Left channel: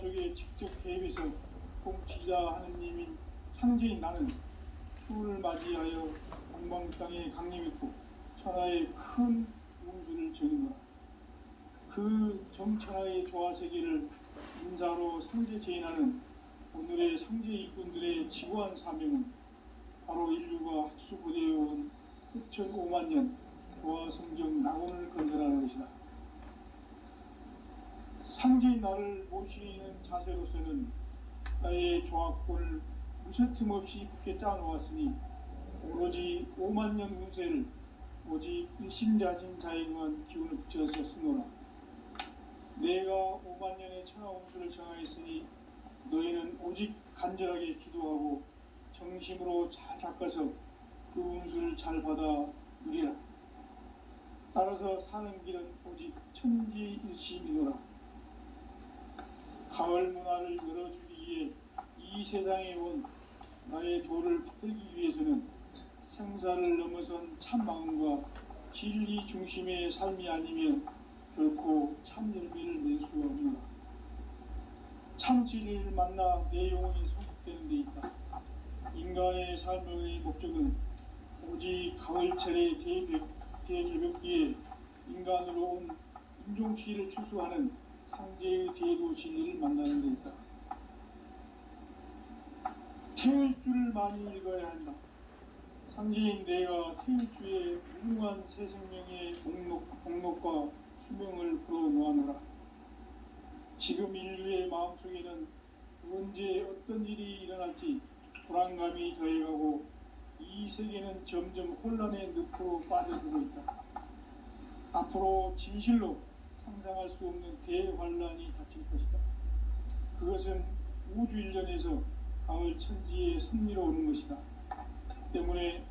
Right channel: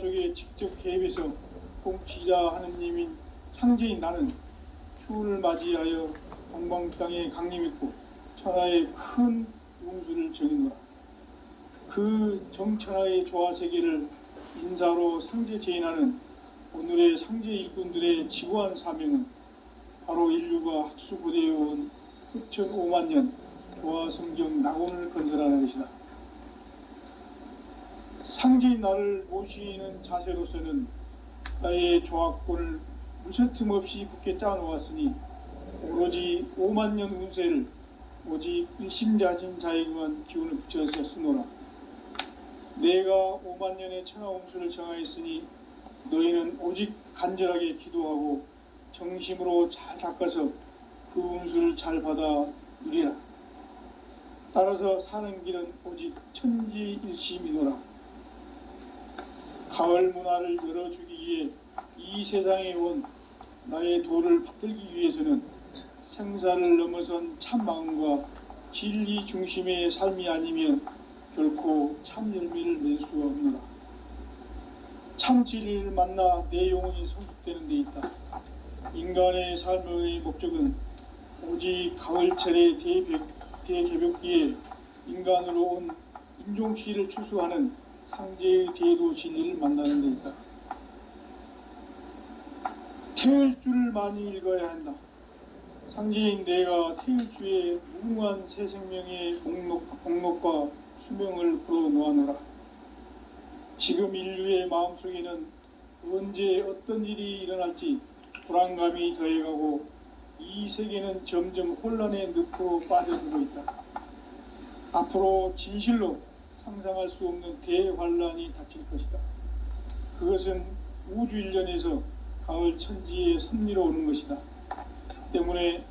속에 직접 개입해서 통치자 하느님인 상제인 나는 추운을 맞이하여 동방 땅에 강림했고 천하의 큰 운수를 정했노라. 그 정천하의 조화 세계를 인사로 상제 제인하는 오늘의 상제 일꾼들의 지구한 사명은 바로 인류가 학수고대해온 흑천 5만 년 조화 성경 낙원을 건설하는 것이다. 상제인 나를 모시는 자세로서는 나의 조합권을 무쇠틈 없이 굳게 짜놓았으니 오로지 5만 년 운세를 오직 일심자진 자에게만 기운을 붙여서 쓰노라. 내가 5만 년의 천하 운수를 정하였으니 너희는 오직 간절하게 기도하고 정심으로 잘 닦아서 그 운수를 잘 받아 누리라. 따라서 사는 길은 오직 천지일심이노라. 가을 문화를 열어주기 위해 이 세상에 온 나의 도를 받들기 위해서는 생사를 넘어선 참 마음과 진리 중심의 삶이 아니면 결코 참 열매를 맺을 수가 없노라. 참 진리를 만나 내 영혼이 성숙되는 데 있다. 인간의 삶의 목적은 오직 가을철의 대개벽기에 인간으로 온 인종시를 추수하는 상제의 대도 진리를 만나는 데 있다. 태일주를 많이 읽어야 한다. 상제인 내가 태일주의 무궁한 새 생명의 목록과 수명을 풀어놓아노라. 지금 인류의 마음속에는 언제 어떤 일이 일어날지 불안감이 더해가고 이 세계는 점점 혼란의 늪으로 빠져들고 있다. 앞으로 진실로 상상할 수 없는 대환란이 닥칠 것이다. 그것은 우주 일련에서 가을 천지의 섭리로 오는 것이다. 때문에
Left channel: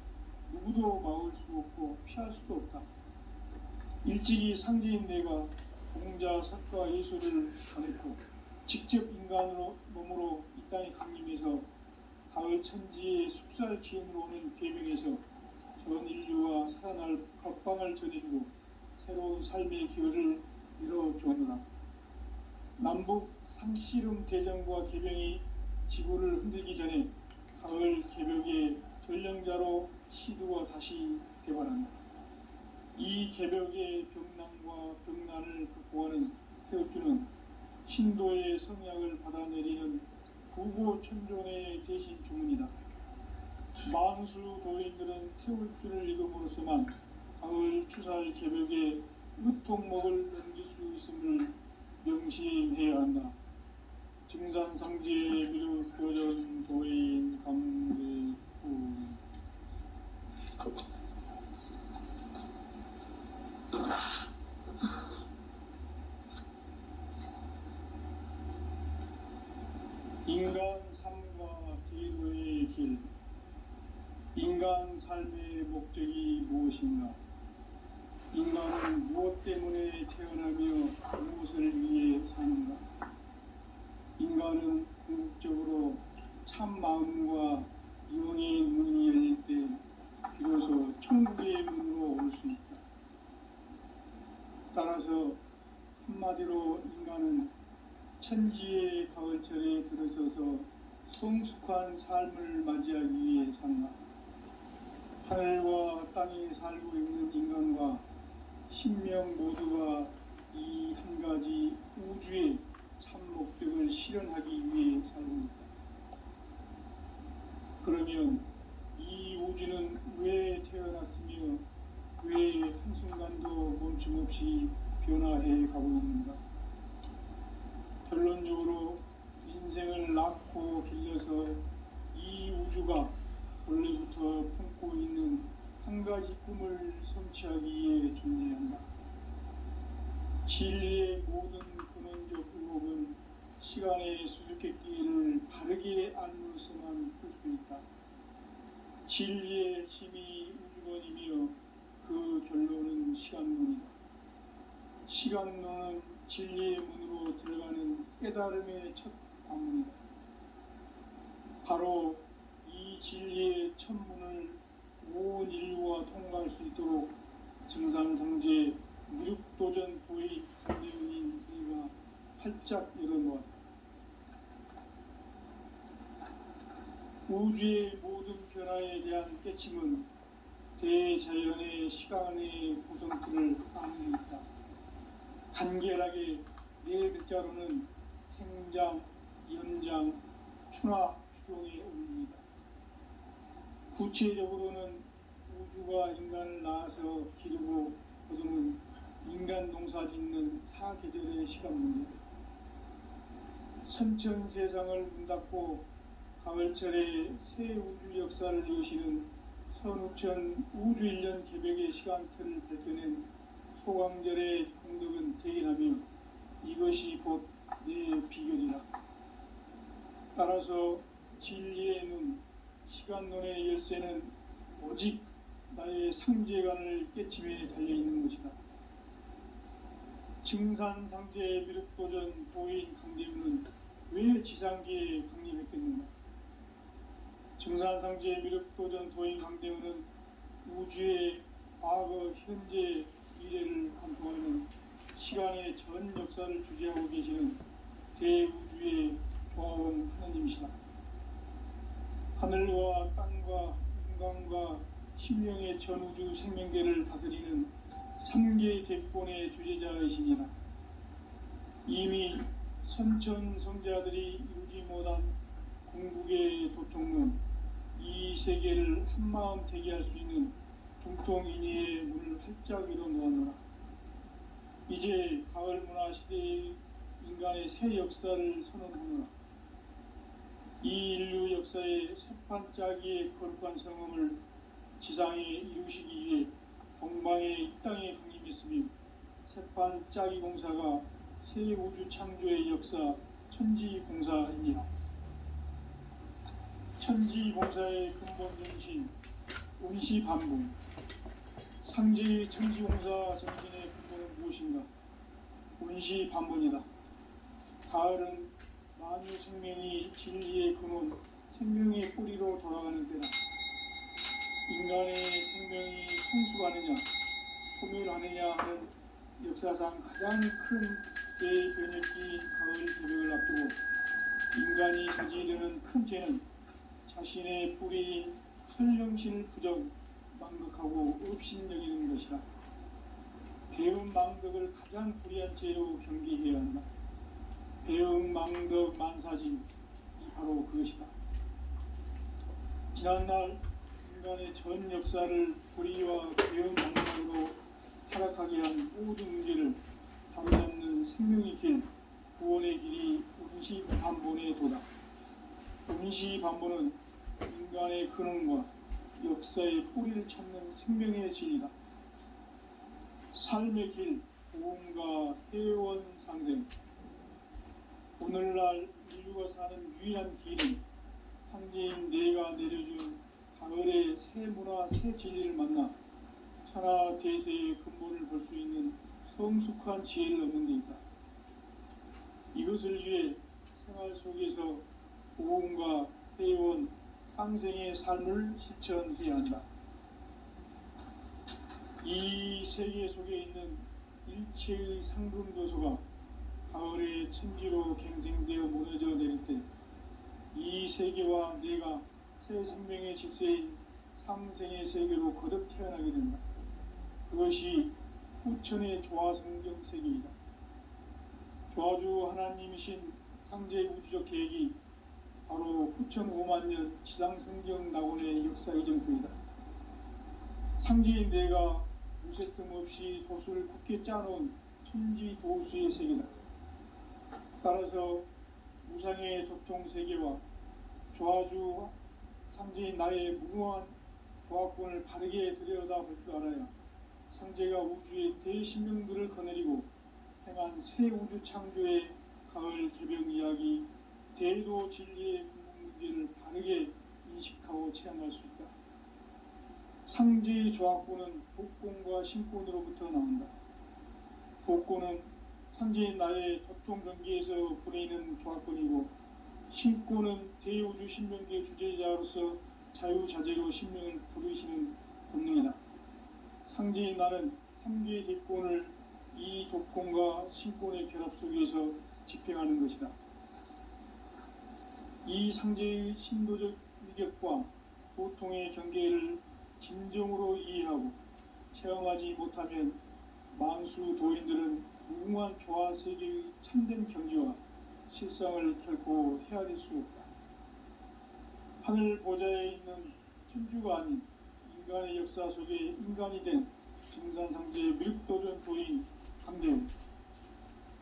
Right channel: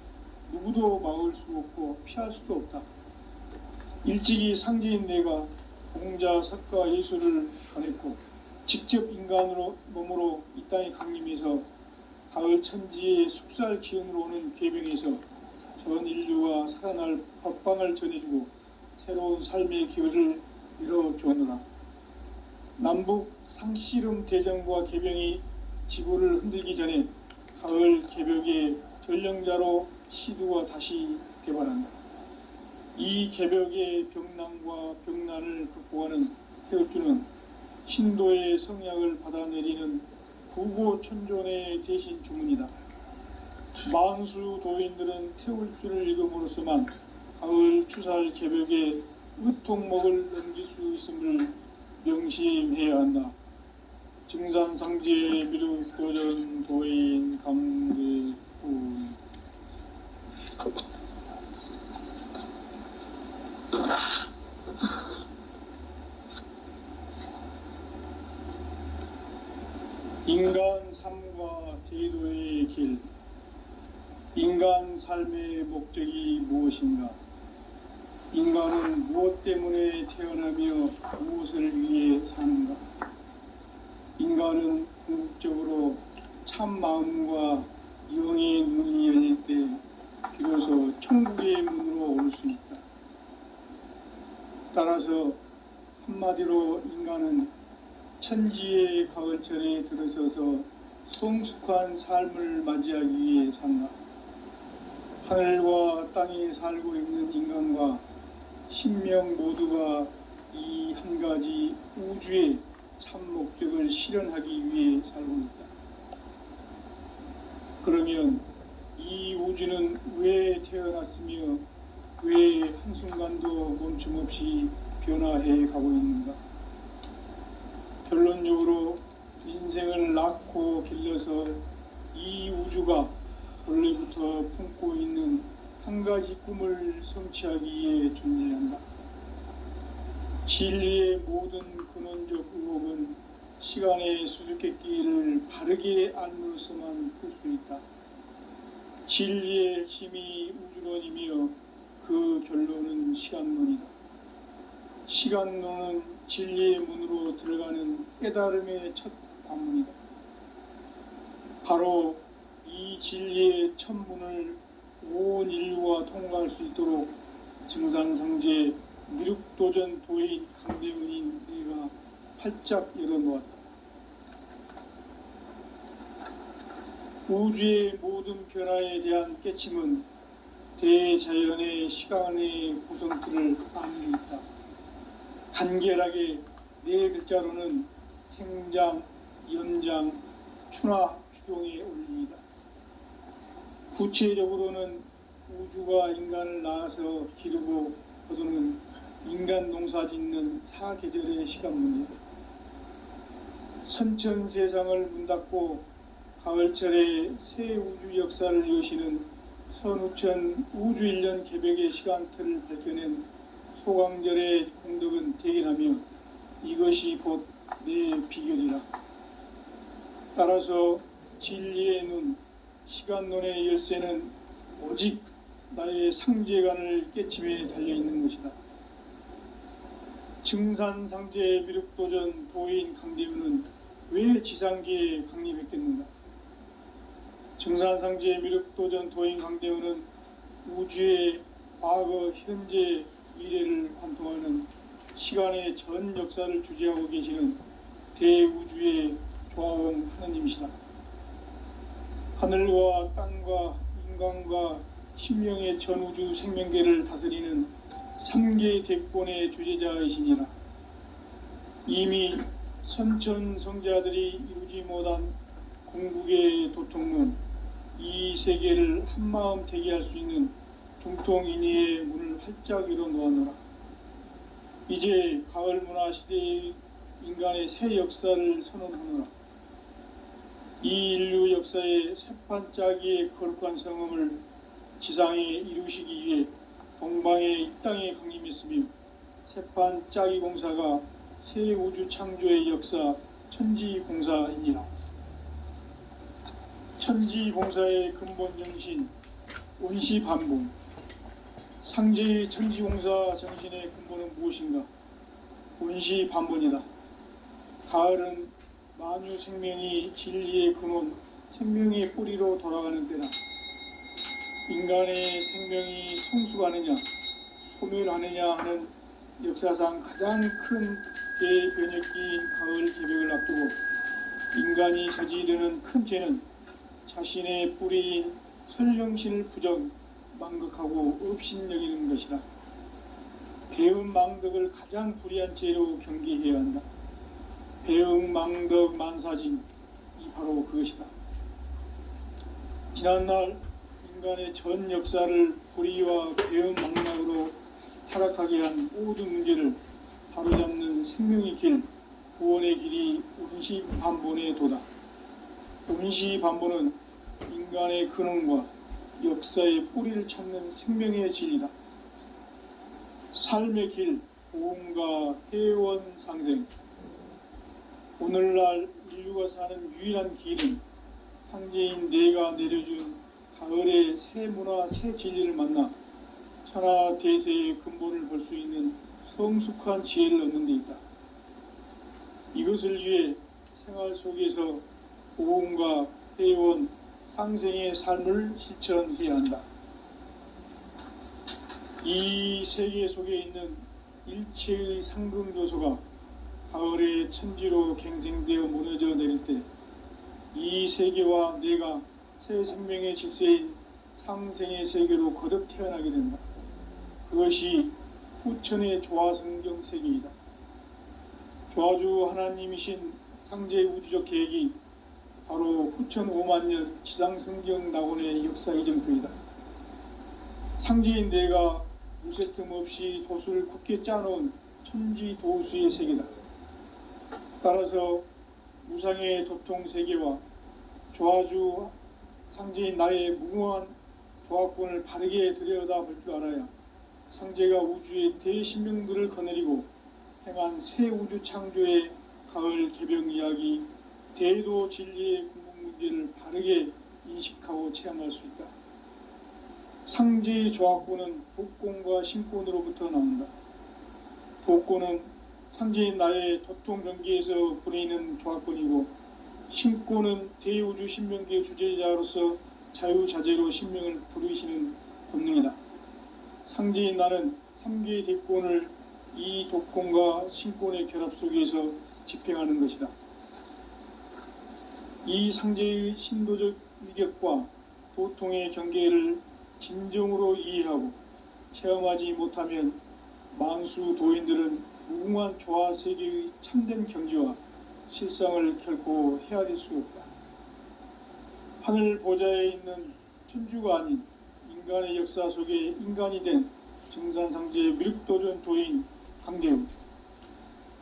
누구도 막을 수 없고 피할 수도 없다. 일찍이 상제인 내가 공자, 석가, 예수를 전했고 직접 인간으로 몸으로 이 땅에 강림해서 가을 천지의 숙살 기운으로 오는 궤병에서 전 인류가 살아날 법방을 전해주고 새로운 삶의 기회를 이뤄주었노라. 남북 상씨름 대전과 개병이 지구를 흔들기 전에 가을 개벽의 전령자로 시두가 다시 개발한다. 이 개벽의 병난과 병난을 극복하는 태울주는 신도의 성약을 받아내리는 부고천존의 대신 주문이다. 망수 도인들은 태울주를 읽음으로써만 가을 추살 개벽의 으통목을 넘길 수 있음을 명심해야 한다. 증산상제 미륵도전 도인 감대군. 인간 삶과 제도의 길. 인간 삶의 목적이 무엇인가? 인간은 무엇 때문에 태어나며 무엇을 위해 사는가? 인간은 궁극적으로 참 마음과 영의 문이 열릴 때 비로소 천국의 문으로 올 수 있다. 따라서 한마디로 인간은 천지의 가을철에 들어서서 성숙한 삶을 맞이하기 위해 산다. 하늘과 땅에 살고 있는 인간과 신명 모두가 이 한 가지 우주의 참 목적을 실현하기 위해 살고 있다. 그러면 이 우주는 왜 태어났으며 왜 한순간도 멈춤없이 변화해 가고 있는가? 결론적으로 인생을 낳고 길러서 이 우주가 원래부터 품고 있는 한 가지 꿈을 성취하기 위해 존재한다. 진리의 모든 근원적 의혹은 시간의 수수께끼를 바르게 알므로서만 풀 수 있다. 진리의 핵심이 우주론이며 그 결론은 시간론이다. 시간론은 진리의 문으로 들어가는 깨달음의 첫 관문이다. 바로 이 진리의 첫 문을 온 인류가 통과할 수 있도록 증산상제 미륵도전 도의 강대문인 내가 활짝 열어놓았다. 우주의 모든 변화에 대한 깨침은 대자연의 시간의 구성틀을 아는 데 있다. 간결하게 네 글자로는 생장, 연장, 추나 추동의 원리이다. 구체적으로는 우주가 인간을 낳아서 기르고 거두는 인간 농사 짓는 사계절의 시간 문제, 선천 세상을 문 닫고 가을철에 새 우주 역사를 여시는 선우천 우주 1년 개벽의 시간틀을 밝혀낸 소강절의 공덕은 대견하며 이것이 곧 내 비결이라. 따라서 진리의 눈, 시간론의 열쇠는 오직 나의 상제관을 깨침에 달려있는 것이다. 증산상제 미륵도전 도인 강대우는 왜 지상계에 강림했겠는가? 증산상제 미륵도전 도인 강대우는 우주의 과거, 현재, 미래를 관통하는 시간의 전 역사를 주재하고 계시는 대우주의 조화원 하느님이시다. 하늘과 땅과 인간과 신명의 전우주 생명계를 다스리는 3계 대권의 주제자이시니라. 이미 선천성자들이 이루지 못한 궁극의 도통론, 이 세계를 한마음 되게 할 수 있는 중통인의의 문을 활짝 열어 놓아노라. 이제 가을 문화 시대의 인간의 새 역사를 선언하노라. 이 인류 역사의 새판짜기의 거룩한 성음을 지상에 이루시기 위해 동방의 이 땅에 강림했으며 새판짜기 공사가 새 우주 창조의 역사 천지공사이니라. 천지공사의 근본 정신 온시반복. 상제의 천지공사 정신의 근본은 무엇인가? 온시반복이다. 가을은 만유 생명이 진리의 근원, 생명의 뿌리로 돌아가는 때다. 인간의 생명이 성숙하느냐, 소멸하느냐 하는 역사상 가장 큰 대변혁기인 가을 개벽을 앞두고 인간이 저지르는 큰 죄는 자신의 뿌리인 설령신을 부정, 망극하고 업신여기는 것이다. 배음 망덕을 가장 불의한 죄로 경계해야 한다. 배음 망덕 만사진이 바로 그것이다. 지난날 인간의 전 역사를 불의와 배음 망락으로 타락하게 한 모든 문제를 바로잡는 생명의 길, 구원의 길이 온시반본의 도다. 온시반본은 인간의 근원과 역사의 뿌리를 찾는 생명의 진리다. 삶의 길, 보험과 회원 상생. 오늘날 인류가 사는 유일한 길은 상제인 내가 내려준 가을의 새 문화, 새 진리를 만나 천하 대세의 근본을 볼 수 있는 성숙한 지혜를 얻는 데 있다. 이것을 위해 생활 속에서 보험과 회원, 상생의 삶을 실천해야 한다. 이 세계 속에 있는 일체의 상금요소가 가을의 천지로 갱생되어 무너져 내릴 때 이 세계와 내가 새 생명의 질서인 상생의 세계로 거듭 태어나게 된다. 그것이 후천의 조화성경 세계이다. 조화주 하나님이신 상제 우주적 계획이 바로 후천 5만년 지상성경 낙원의 역사 이정표이다. 상제인 내가 무쇠 틈 없이 도수를 굳게 짜놓은 천지도수의 세계다. 따라서 무상의 도통세계와 조화주 상제인 나의 무궁한 조화권을 바르게 들여다볼 줄 알아야 상제가 우주의 대신명들을 거느리고 행한 새 우주 창조의 가을 개병 이야기, 대도 진리의 궁극 문제를 바르게 인식하고 체험할 수 있다. 상제의 조화권은 복권과 신권으로부터 나온다. 복권은 상제인 나의 도통 경계에서 부리는 조화권이고, 신권은 대우주 신명계 주제자로서 자유자재로 신명을 부르시는 본능이다. 상제인 나는 3개의 대권을 이 독권과 신권의 결합 속에서 집행하는 것이다. 이 상제의 신도적 일격과 도통의 경계를 진정으로 이해하고 체험하지 못하면 만수 도인들은 무궁한 조화 세계의 참된 경지와 실상을 결코 헤아릴 수 없다. 하늘 보좌에 있는 천주가 아닌 인간의 역사 속에 인간이 된 증산상제 미륵도전 도인 강대웅,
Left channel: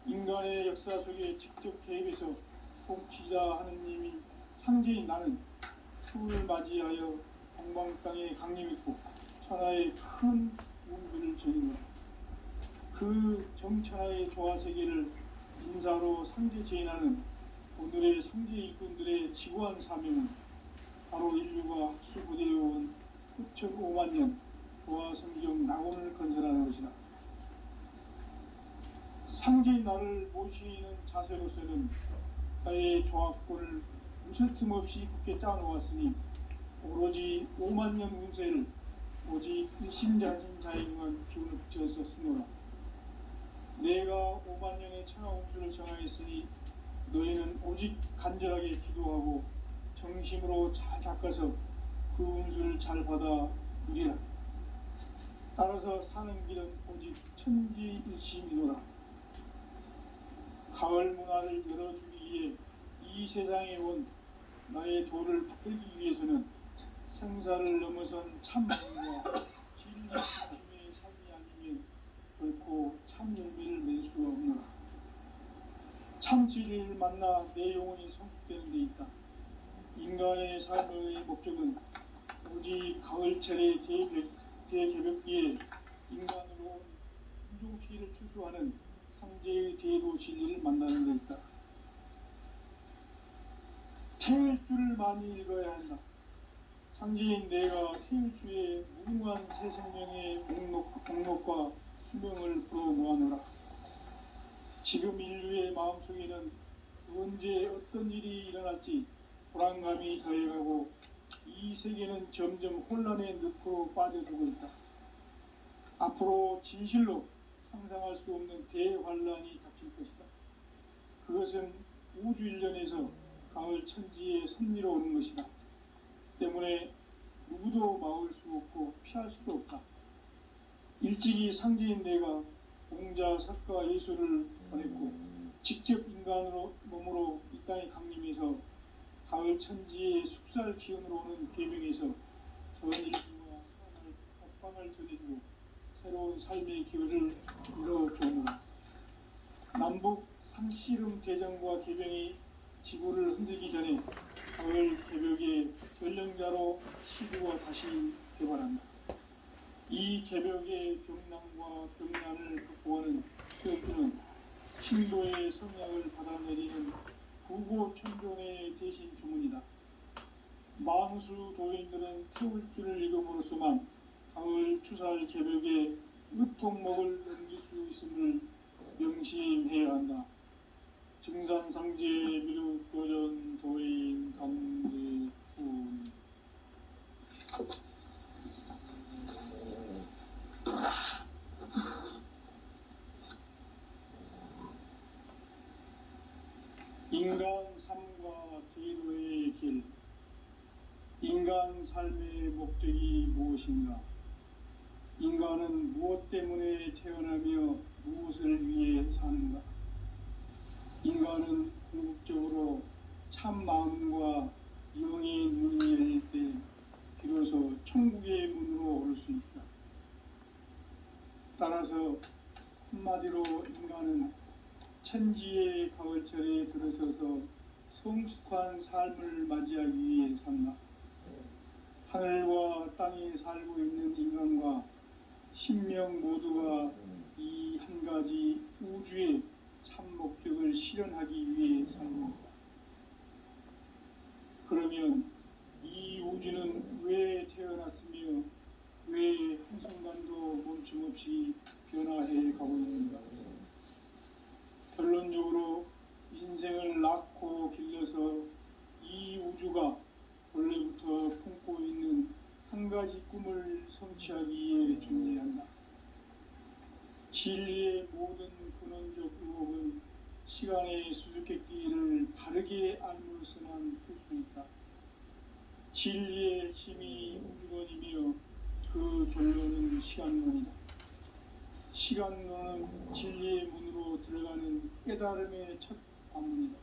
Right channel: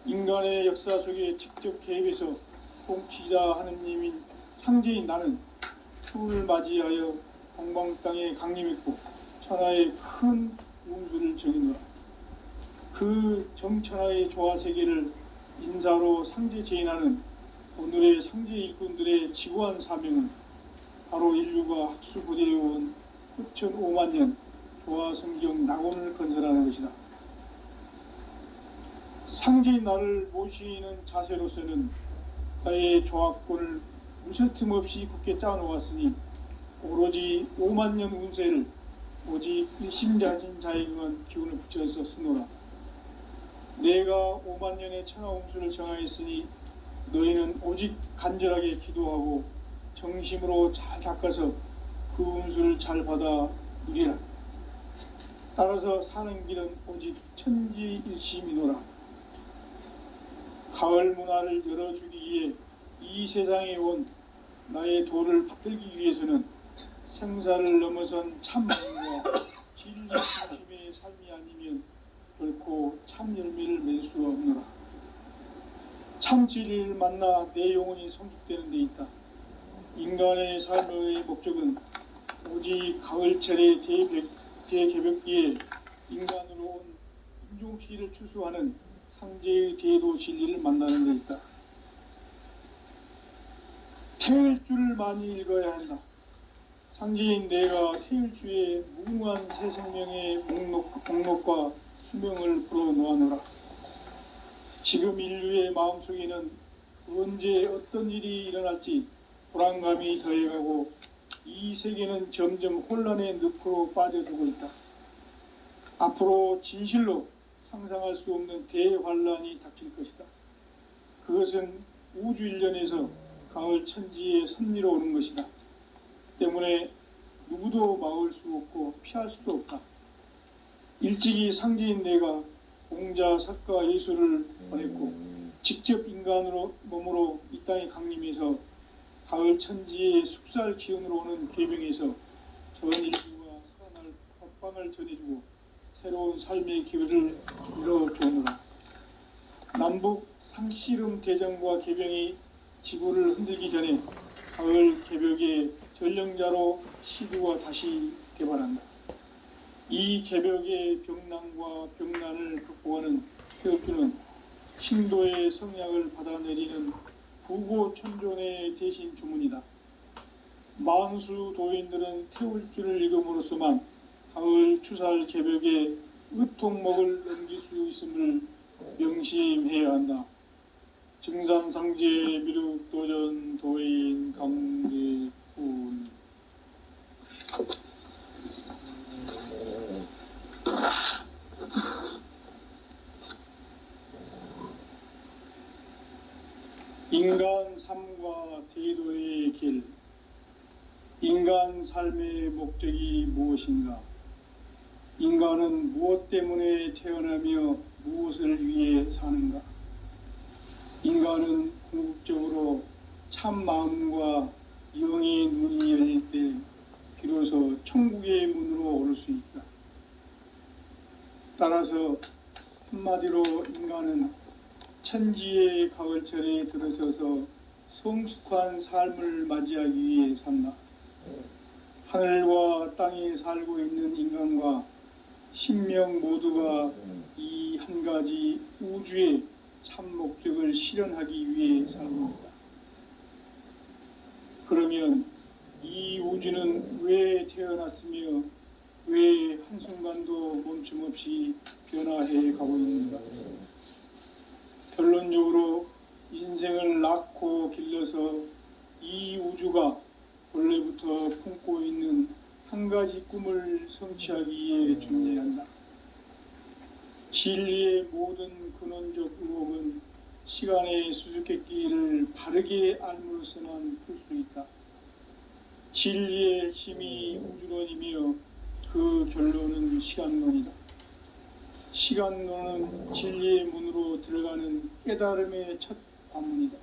인간의 역사 속에 직접 개입해서 통치자 하느님인 상제인 나는 추을 맞이하여 동방 땅에 강림했고 천하의 큰 운수를 정의노라. 그 정천하의 조화세계를 인사로 상제 제인하는 오늘의 상제 일꾼들의 지구한 사명은 바로 인류가 학수고대에 온 9,500만 년 조화성경 낙원을 건설하는 것이다. 상제인 나를 모시는 자세로서는 나의 조합권을 무쇠 틈 없이 굳게 짜놓았으니 오로지 5만 년 운세를 오직 일심자진 자에게만 기운을 붙여서 쓰노라. 내가 5만 년의 천하 운수를 정하였으니 너희는 오직 간절하게 기도하고 정심으로 잘 닦아서 그 운수를 잘 받아 누리라. 따라서 사는 길은 오직 천지일심이노라. 가을 문화를 열어주기 위해 이 세상에 온 나의 도를 받들기 위해서는 생사를 넘어선 참마음과 진리 중심의 삶이 아니면 결코 참 열매를 맺을 수가 없노라. 참 진리를 만나 내 영혼이 성숙되는 데 있다. 인간의 삶의 목적은 오직 가을철의 대개벽기에 인간으로 온 인종시를 추수하는 상제의 대도 진리를 만나는 데 있다. 태일주를 많이 읽어야 한다. 상제인 내가 태일주의 무궁한 새 생명의 목록과 수명을 불어놓아노라. 지금 인류의 마음속에는 언제 어떤 일이 일어날지 불안감이 더해가고 이 세계는 점점 혼란의 늪으로 빠져들고 있다. 앞으로 진실로 상상할 수 없는 대환란이 닥칠 것이다. 그것은 우주 일련에서 가을 천지의 섭리로 오는 것이다. 때문에 누구도 막을 수 없고 피할 수도 없다. 일찍이 상제인 내가 공자, 석가, 예수를 보냈고 직접 인간으로 몸으로 이 땅에 강림해서 가을 천지의 숲살 기운으로 오는 계명에서 전 인류가 살아날 법방을 전해주고 새로운 삶의 기회를 열어주노라. 남북 상씨름 대전과 개병이 지구를 흔들기 전에 가을 개벽의 전령자로 시구가 다시 개발한다. 이 개벽의 병난과 병난을 극복하는 태엽주는 신도의 성약을 받아내리는 부고천존의 대신 주문이다. 만수 도인들은 태울주를 읽음으로써만 가을 추살 개벽에 의통목을 넘길 수 있음을 명심해야 한다. 증산상제 미륵도전 도인 강대훈. 인간 삶과 대도의 길. 인간 삶의 목적이 무엇인가? 인간은 무엇 때문에 태어나며 무엇을 위해 사는가? 인간은 궁극적으로 참 마음과 영의 눈이 열릴 때 비로소 천국의 문으로 오를 수 있다. 따라서 한마디로 인간은 천지의 가을철에 들어서서 성숙한 삶을 맞이하기 위해 산다. 하늘과 땅에 살고 있는 인간과 신명 모두가 이 한 가지 우주의 참 목적을 실현하기 위해 살고 있다. 그러면 이 우주는 왜 태어났으며 왜 한순간도 멈춤없이 변화해 가고 있는가? 결론적으로 인생을 낳고 길러서 이 우주가 원래부터 품고 있는 한 가지 꿈을 성취하기 위해 존재한다. 진리의 모든 근원적 의혹은 시간의 수수께끼를 바르게 알므로서만 풀 수 있다. 진리의 핵심이 우주론이며 그 결론은 시간론이다. 시간론은 진리의 문으로 들어가는 깨달음의 첫 관문이다.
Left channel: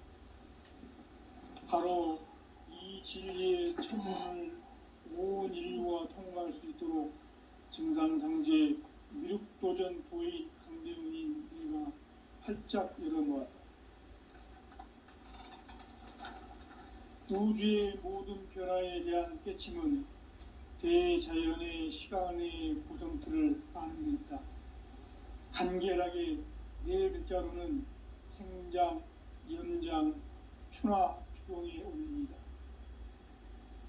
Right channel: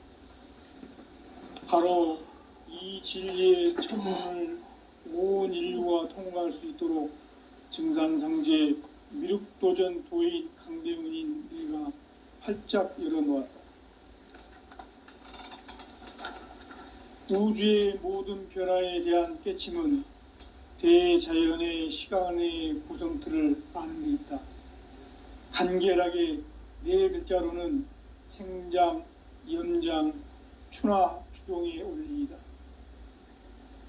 바로 이 진리의 첫 문을 온 인류가 통과할 수 있도록 증산상제 미륵도전 도인 강대훈인 내가 활짝 열어놓았다. 우주의 모든 변화에 대한 깨침은 대자연의 시간의 구성틀을 아는 데 있다. 간결하게 네 글자로는 생장, 연장, 추나 추동의 원리이다.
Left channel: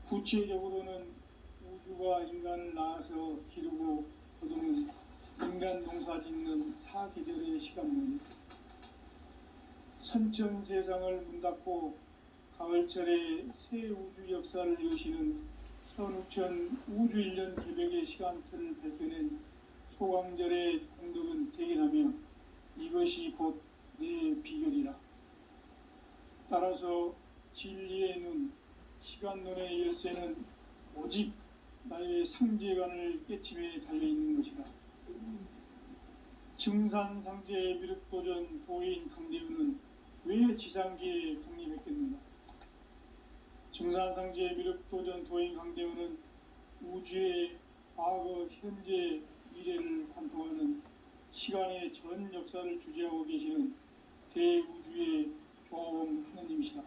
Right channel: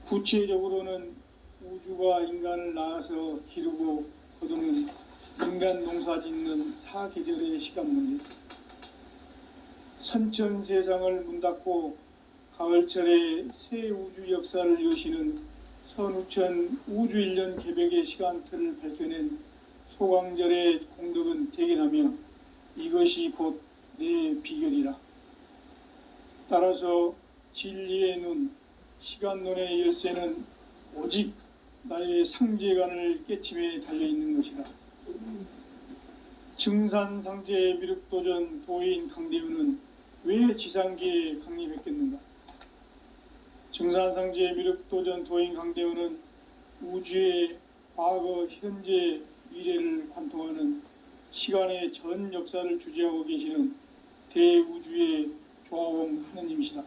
구체적으로는 우주가 인간을 낳아서 기르고 거두는 인간 농사 짓는 사계절의 시간 문제. 선천 세상을 문닫고 가을철에 새 우주 역사를 여시는 선우천 우주 1년 개벽의 시간틀을 밝혀낸 소광절의 공덕은 대견하며 이것이 곧 내 비결이라. 따라서 진리의 눈, 시간론의 열쇠는 오직 나의 상제관을 깨침에 달려있는 것이다. 증산상제 미륵도전 도인 강대훈은 왜 지상계에 강림했겠는가? 증산상제 미륵도전 도인 강대훈은 우주의 과거, 현재, 미래를 관통하는 시간의 전 역사를 주재하고 계시는 대우주의 조화원 하느님이시다.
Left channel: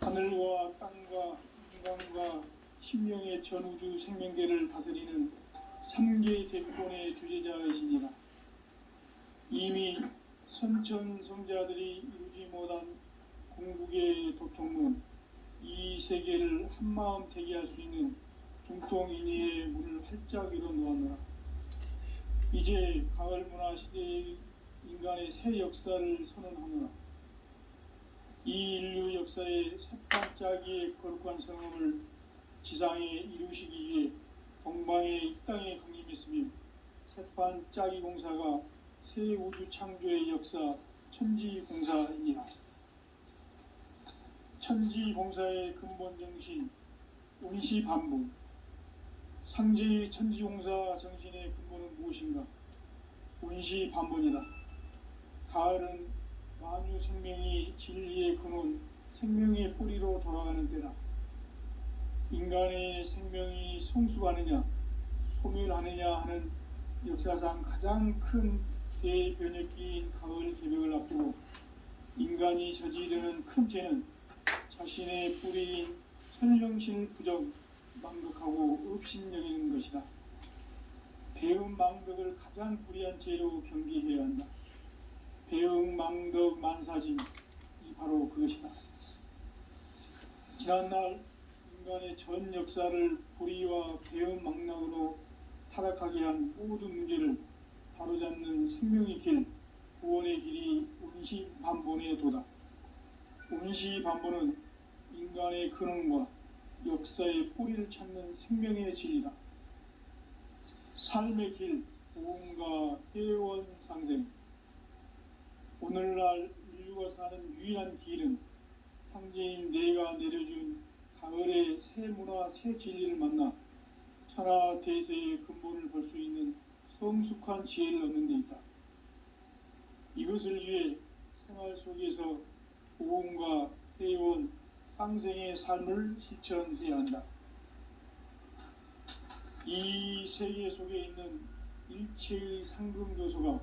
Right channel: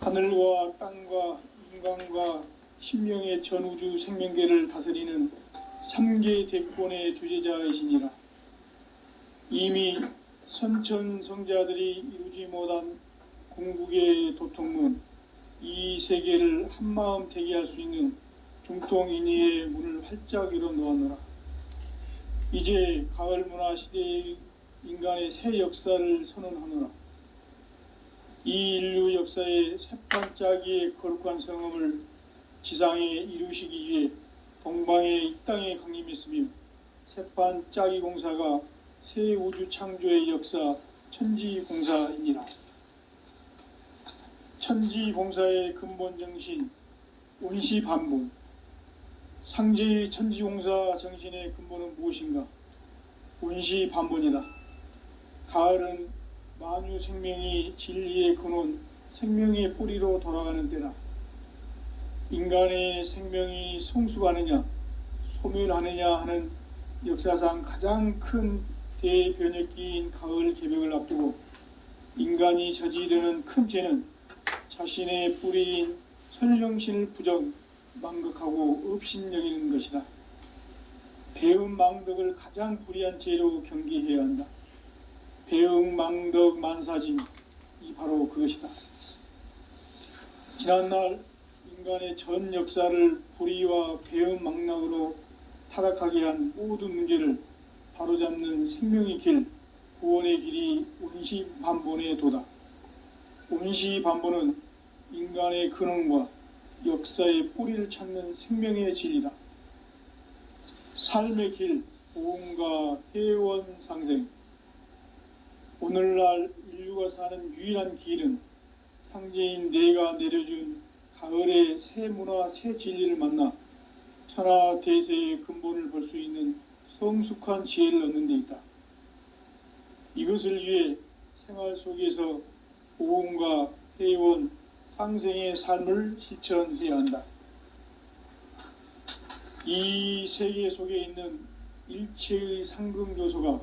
하늘과 땅과 인간과 신명의 전우주 생명계를 다스리는 3계 대권의 주재자이시니라. 이미 선천성자들이 이루지 못한 궁극의 도통문, 이 세계를 한마음 대기할 수 있는 중통인의의 문을 활짝 열어놓았노라. 이제 가을문화 시대의 인간의 새 역사를 선언하노라. 이 인류 역사의 새판짜기의 거룩한 성험을 지상에 이루시기 위해 동방의 이 땅에 강림했으며 새판짜기 공사가 새 우주 창조의 역사 천지공사이니라. 천지공사의 근본 정신 온시반본. 상제의 천지공사 정신의 근본은 무엇인가? 온시반본이다. 가을은 만유 생명이 진리의 근원, 생명의 뿌리로 돌아가는 때다. 인간의 생명이 성숙하느냐, 소멸하느냐 하는 역사상 가장 큰 대변혁기인 가을 개벽을 앞두고 인간이 저지르는 큰 죄는 자신의 뿌리인 설령신을 부정, 망극하고 업신여기는 것이다. 배음 망덕을 가장 불의한 죄로 경계해야 한다. 배음 망덕 만사짐이 바로 그것이다. 지난날 인간의 전 역사를 불의와 배음 망락으로 타락하게 한 모든 문제를 바로잡는 생명의 길, 구원의 길이 온시반본의 도다. 온시반본은 인간의 근원과 역사의 뿌리를 찾는 생명의 진리다. 삶의 길, 보험과 회원 상생. 오늘날 인류가 사는 유일한 길은 상제인 내가 내려준 가을의 새 문화, 새 진리를 만나 천하 대세의 근본을 볼 수 있는 성숙한 지혜를 얻는 데 있다. 이것을 위해 생활 속에서 보험과 회원, 상생의 삶을 실천해야 한다. 이 세계 속에 있는 일체의 상금 요소가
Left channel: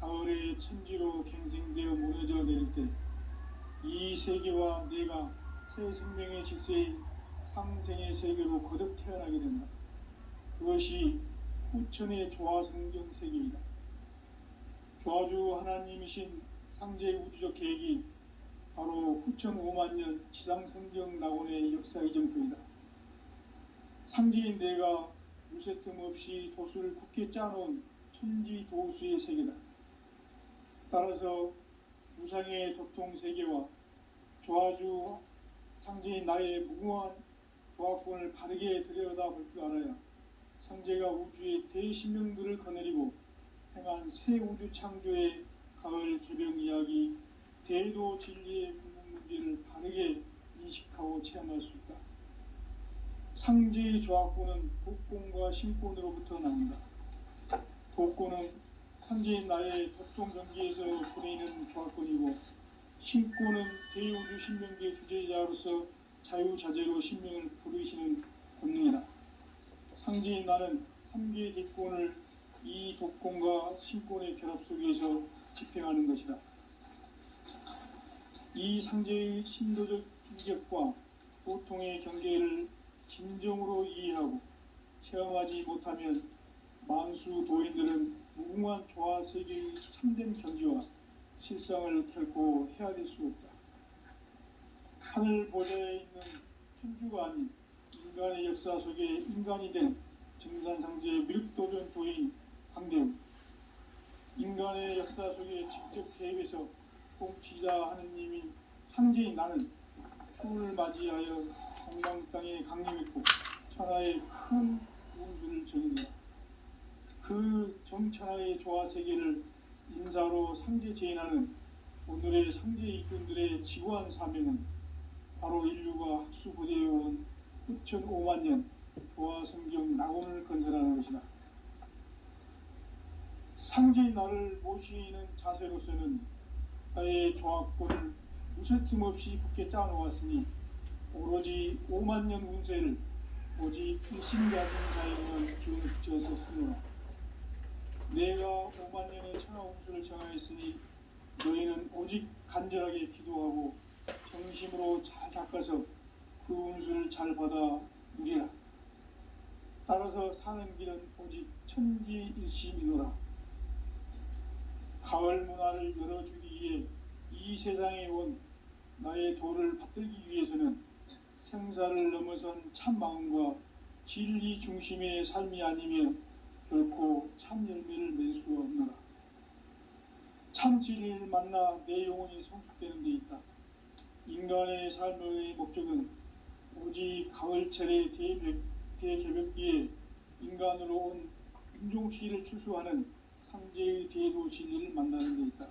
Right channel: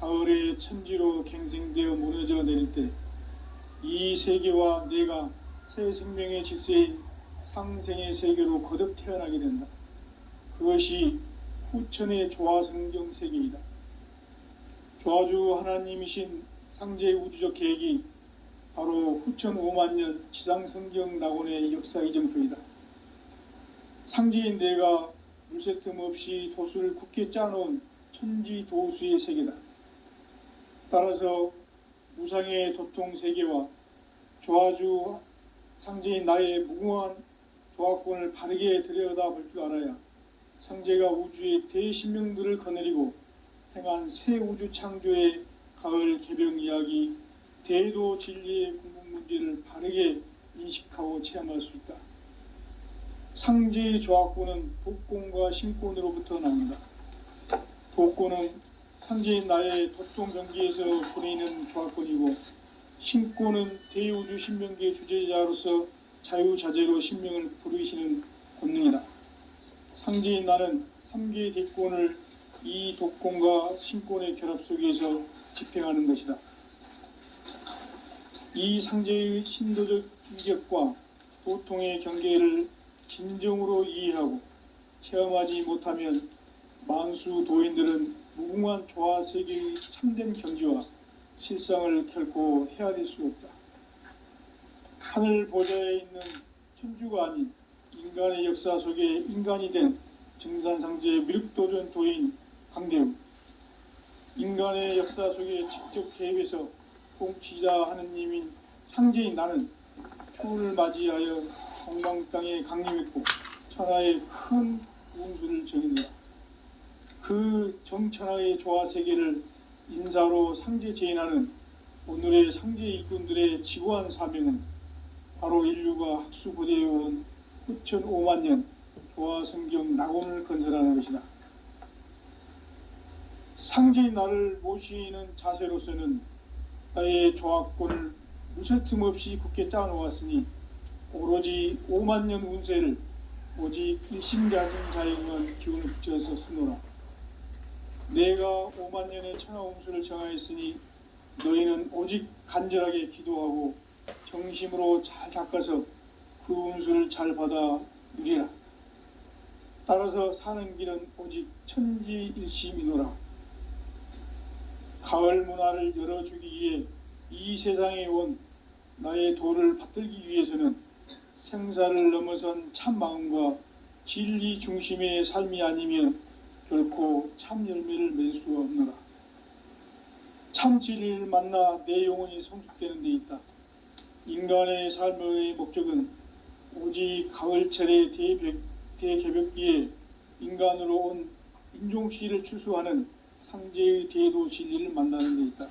가을의 천지로 갱생되어 무너져 내릴 때 이 세계와 내가 새 생명의 질서인 상생의 세계로 거듭 태어나게 된다. 그것이 후천의 조화성경 세계이다. 조화주 하나님이신 상제의 우주적 계획이 바로 후천 5만년 지상성경 낙원의 역사 이정표이다. 상제인 내가 물새 틈 없이 도수를 굳게 짜놓은 천지도수의 세계다. 따라서 무상의 도통 세계와 조화주 상제인 나의 무궁한 조화권을 바르게 들여다볼 줄 알아야 상제가 우주의 대신명들을 거느리고 행한 새 우주 창조의 가을 개벽 이야기, 대도 진리의 궁극 문제를 바르게 인식하고 체험할 수 있다. 상제의 조합구는 독곤과 신곤으로부터 나온다. 독곤은 상제인 나의 도통경기에서 보내는 조합권이고, 신곤은 대우주 신명기의 주제자로서 자유자재로 신명을 부르시는 권능이다. 상제인 나는 3개의 대권을 이 독곤과 신곤의 결합 속에서 집행하는 것이다. 이 상제의 신도적 인격과 도통의 경계를 진정으로 이해하고 체험하지 못하면 만수 도인들은 무궁한 조화 세계의 참된 경지와 실상을 결코 헤아릴 수 없다. 하늘 보좌에 있는 천주가 아닌 인간의 역사 속에 인간이 된 증산상제의 미륵도전 도인 강대웅, 인간의 역사 속에 직접 개입해서 통치자 하느님인 상제인 나는 추운을 맞이하여 동방 땅에 강림했고 천하의 큰 운수를 정의노라. 그 정천하의 조화 세계를 인사로 상제 제인하는 오늘의 상제 일꾼들의 지구한 사명은 바로 인류가 학수고대해온 후천 5만 년 조화 성경 낙원을 건설하는 것이다. 상제인 나를 모시는 자세로서는 나의 조합권을 무쇠틈 없이 굳게 짜놓았으니 오로지 5만 년 운세를 오직 일심자진 자에게만 기운을 붙여서 쓰노라. 내가 5만 년의 천하 운수를 정하였으니 너희는 오직 간절하게 기도하고 정심으로 잘 닦아서 그 운수를 잘 받아 누리라. 따라서 사는 길은 오직 천지일심이노라. 가을 문화를 열어주기 위해 이 세상에 온 나의 도를 받들기 위해서는 생사를 넘어선 참 마음과 진리 중심의 삶이 아니면 결코 참 열매를 맺을 수 없노라. 참 진리를 만나 내 영혼이 성숙되는 데 있다. 인간의 삶의 목적은 오직 가을철의 대개벽기에 인간으로 온 인종씨를 추수하는 상제의 대도 진리를 만나는 데 있다.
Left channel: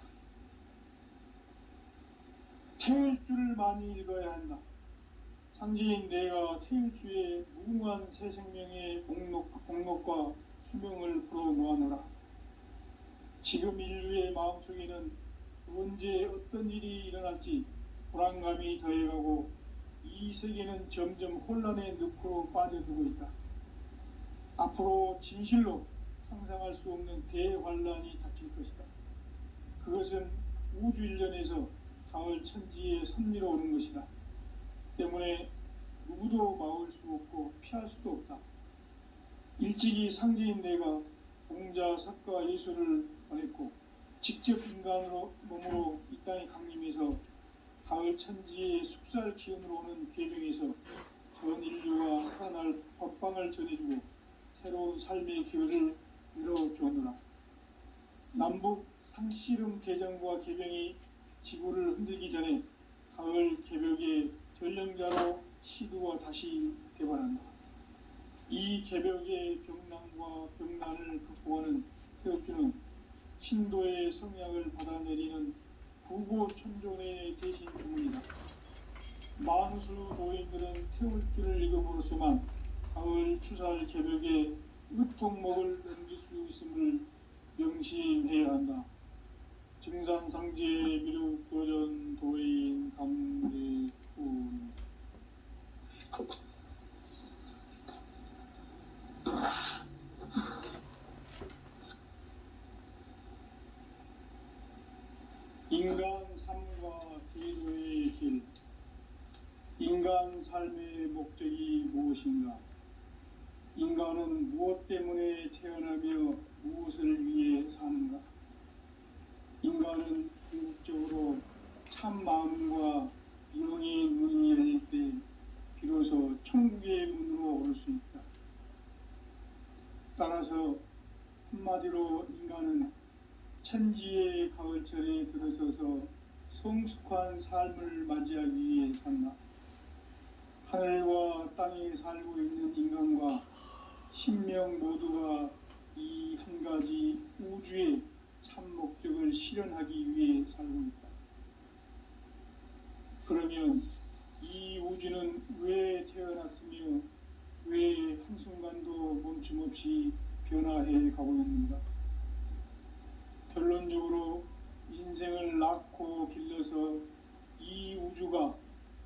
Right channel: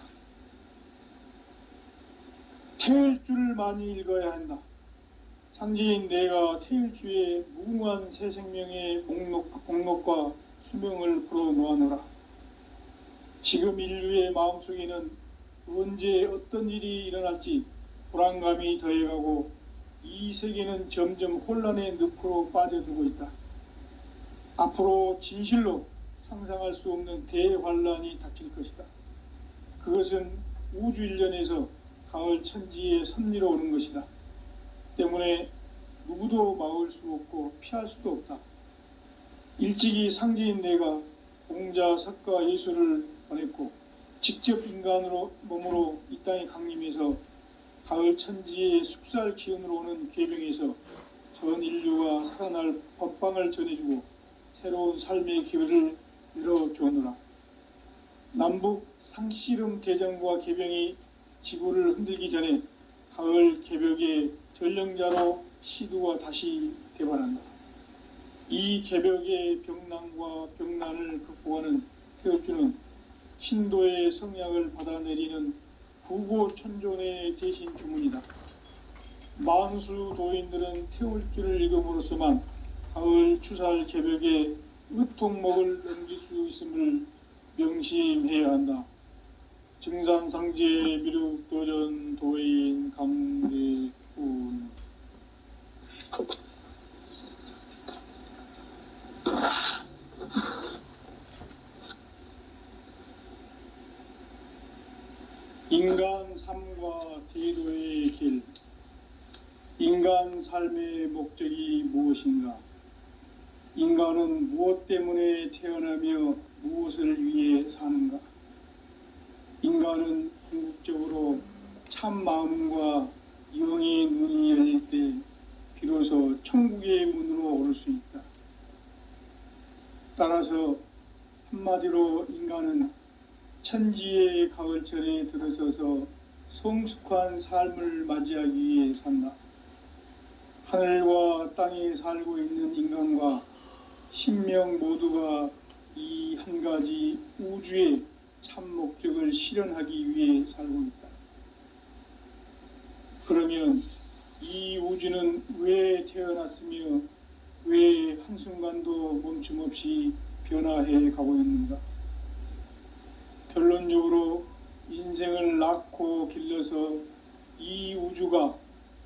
태일주를 많이 읽어야 한다. 상제인 내가 태일주의 무궁한 새 생명의 목록과 수명을 불어놓아노라. 지금 인류의 마음속에는 언제 어떤 일이 일어날지 불안감이 더해가고 이 세계는 점점 혼란의 늪으로 빠져들고 있다. 앞으로 진실로 상상할 수 없는 대환란이 닥칠 것이다. 그것은 우주 일련에서 가을 천지의 섭리로 오는 것이다. 때문에 누구도 막을 수 없고 피할 수도 없다. 일찍이 상제인 내가 공자, 석가, 예수를 보냈고 직접 인간으로 몸으로 이 땅에 강림해서 가을 천지의 숲살 기운으로 오는 계명에서 전 인류가 살아날 법방을 전해주고 새로운 삶의 기회를 열어주었노라. 남북 상씨름 대전과 개병이 지구를 흔들기 전에 가을 개벽의 전령자로 시두가 다시 되관한다. 이 개벽의 병난과 병난을 극복하는 태울주는 신도의 성약을 받아내리는 구고천존의 대신 주문이다. 만수 도인들은 태울주를 읽음으로써만 가을 추살 개벽에 의통목을 넘길 수 있음을 명심해야 한다. 증산상제 미륵도전 도인 강대훈. 인간 삶과 대도의 길. 인간 삶의 목적이 무엇인가? 인간은 무엇 때문에 태어나며 무엇을 위해 사는가? 인간은 궁극적으로 참 마음과 영의 눈이 열릴 때 비로소 천국의 문으로 오를 수 있다. 따라서 한마디로 인간은 천지의 가을철에 들어서서 성숙한 삶을 맞이하기 위해 산다. 하늘과 땅에 살고 있는 인간과 신명 모두가 이 한 가지 우주의 참 목적을 실현하기 위해 살고 있다. 그러면 이 우주는 왜 태어났으며 왜 한순간도 멈춤 없이 변화해 가고 있는가? 결론적으로 인생을 낳고 길러서 이 우주가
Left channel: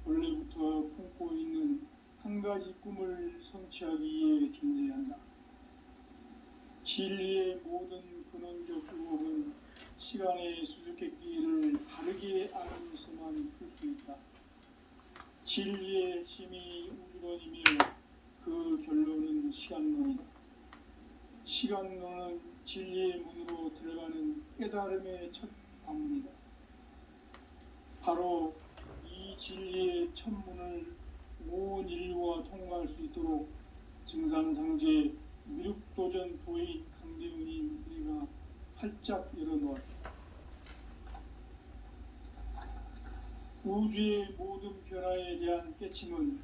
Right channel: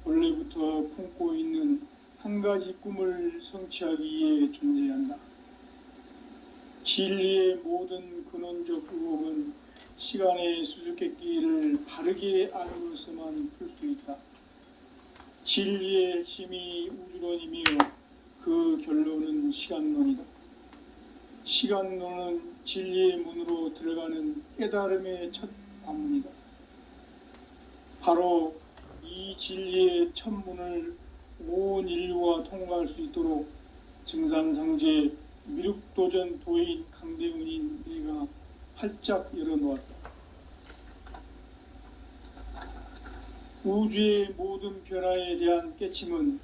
원래부터 품고 있는 한 가지 꿈을 성취하기 위해 존재한다. 진리의 모든 근원적 의혹은 시간의 수수께끼를 바르게 알아로서만 풀 수 있다. 진리의 핵심이 우주론이며 그 결론은 시간론이다. 시간론은 진리의 문으로 들어가는 깨달음의 첫 방문이다. 바로 이 진리의 첫 문을 온 인류가 통과할 수 있도록 증산상제 미륵도전 도인 강대훈인 내가 활짝 열어놓았다. 우주의 모든 변화에 대한 깨침은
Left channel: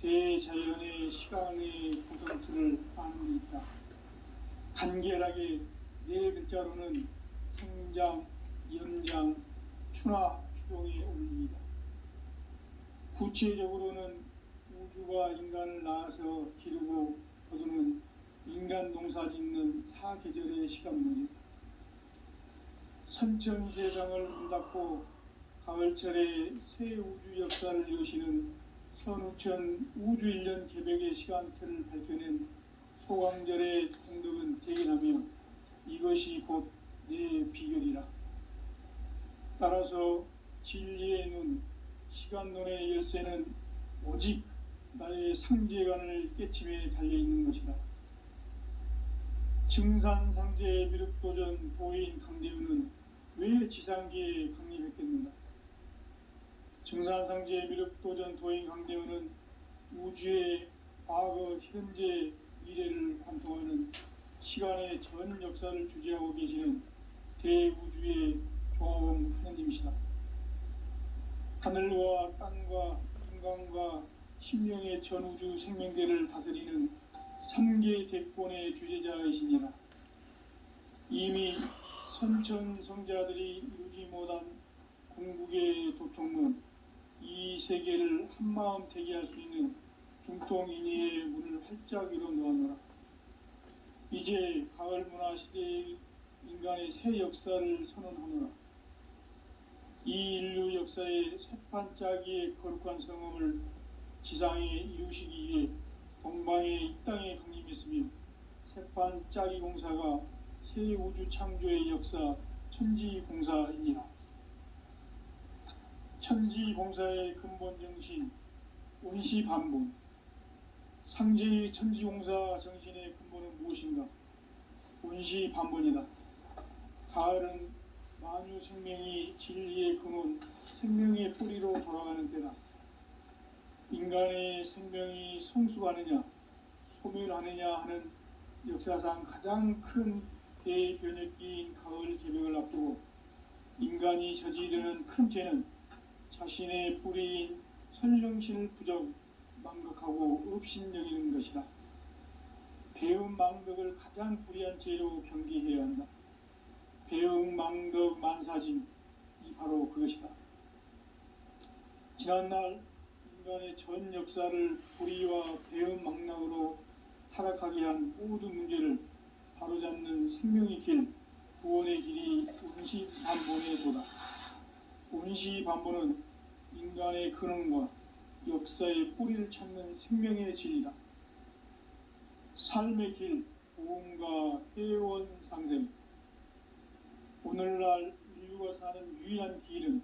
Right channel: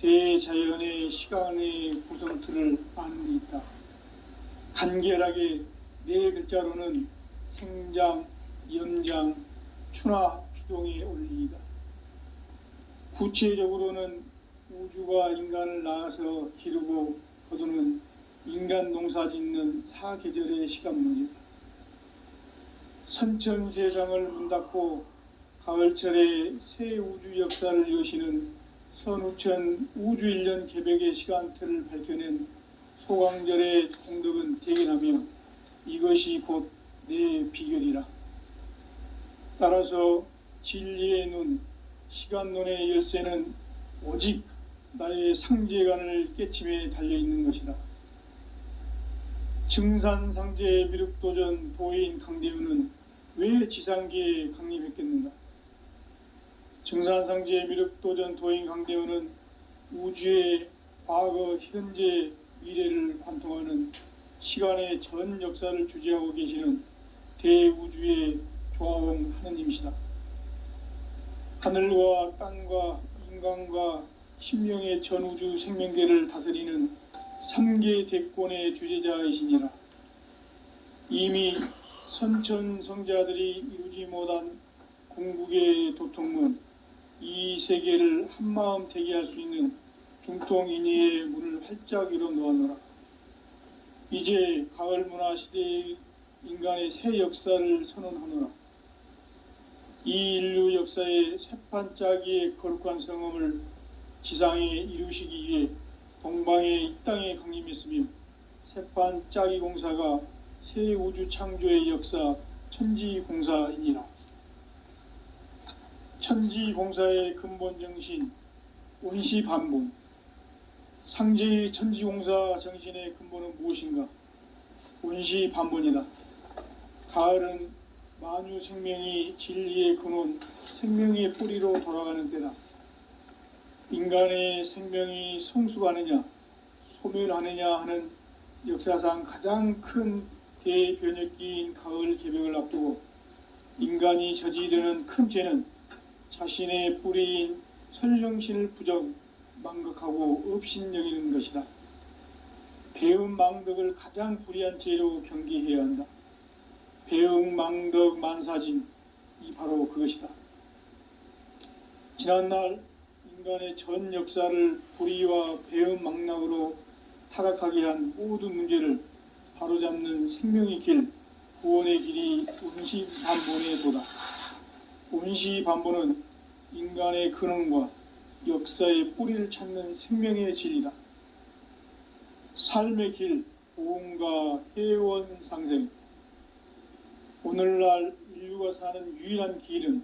대자연의 시간의 구성틀을 아는 데 있다. 간결하게 네 글자로는 생장, 연장, 추나 추동의 원리이다. 구체적으로는 우주가 인간을 낳아서 기르고 거두는 인간 농사 짓는 사계절의 시간 문제다. 선천 세상을 문 닫고 가을철에 새 우주 역사를 여시는 선우천 우주 1년 개백의 시간틀을 밝혀낸 소강절의 공덕은 대견하며 이것이 곧 내 비결이라. 따라서 진리의 눈, 시간론의 열쇠는 오직 나의 상제관을 깨침에 달려있는 것이다. 증산상제 미륵도전 도인 강대훈은 왜 지상계에 강림했겠는가? 증산상제 미륵도전 도인 강대훈은 우주의 과거, 현재, 미래를 관통하는 시간의 전 역사를 주재하고 계시는 대우주의 조화원 하느님이시다. 하늘과 땅과 인간과 신명의 전우주 생명계를 다스리는 3계 대권의 주재자이시니라. 이미 선천성자들이 이루지 못한 궁극의 도통문, 이 세계를 한마음 대기할 수 있는 중통인의의 문을 활짝 열어놓았노라. 이제 가을 문화 시대의 인간의 새 역사를 선언하노라. 이 인류 역사의 새판짜기의 거룩한 성험을 지상에 이루시기 위해 동방의 이 땅에 강림했으며 새판짜기 공사가 새 우주 창조의 역사 천지공사이니라. 천지공사의 근본 정신 온시반본. 상제의 천지공사 정신의 근본은 무엇인가? 온시반본이다. 가을은 만유 생명이 진리의 근원, 생명의 뿌리로 돌아가는 때다. 인간의 생명이 성숙하느냐, 소멸하느냐 하는 역사상 가장 큰 대변혁기인 가을 개벽을 앞두고 인간이 저지르는 큰 죄는 자신의 뿌리인 설령신을 부정, 망극하고 업신여기는 것이다. 배음 망덕을 가장 불의한 죄로 경계해야 한다. 배음 망덕 만사진, 이 바로 그것이다. 지난날 인간의 전 역사를 불의와 배음 망락으로 타락하게 한 모든 문제를 바로잡는 생명의 길, 구원의 길이 온시반본의 도다. 온시반본은 인간의 근원과 역사의 뿌리를 찾는 생명의 질이다. 삶의 길, 보험과 회원 상생. 오늘날 인류가 사는 유일한 길은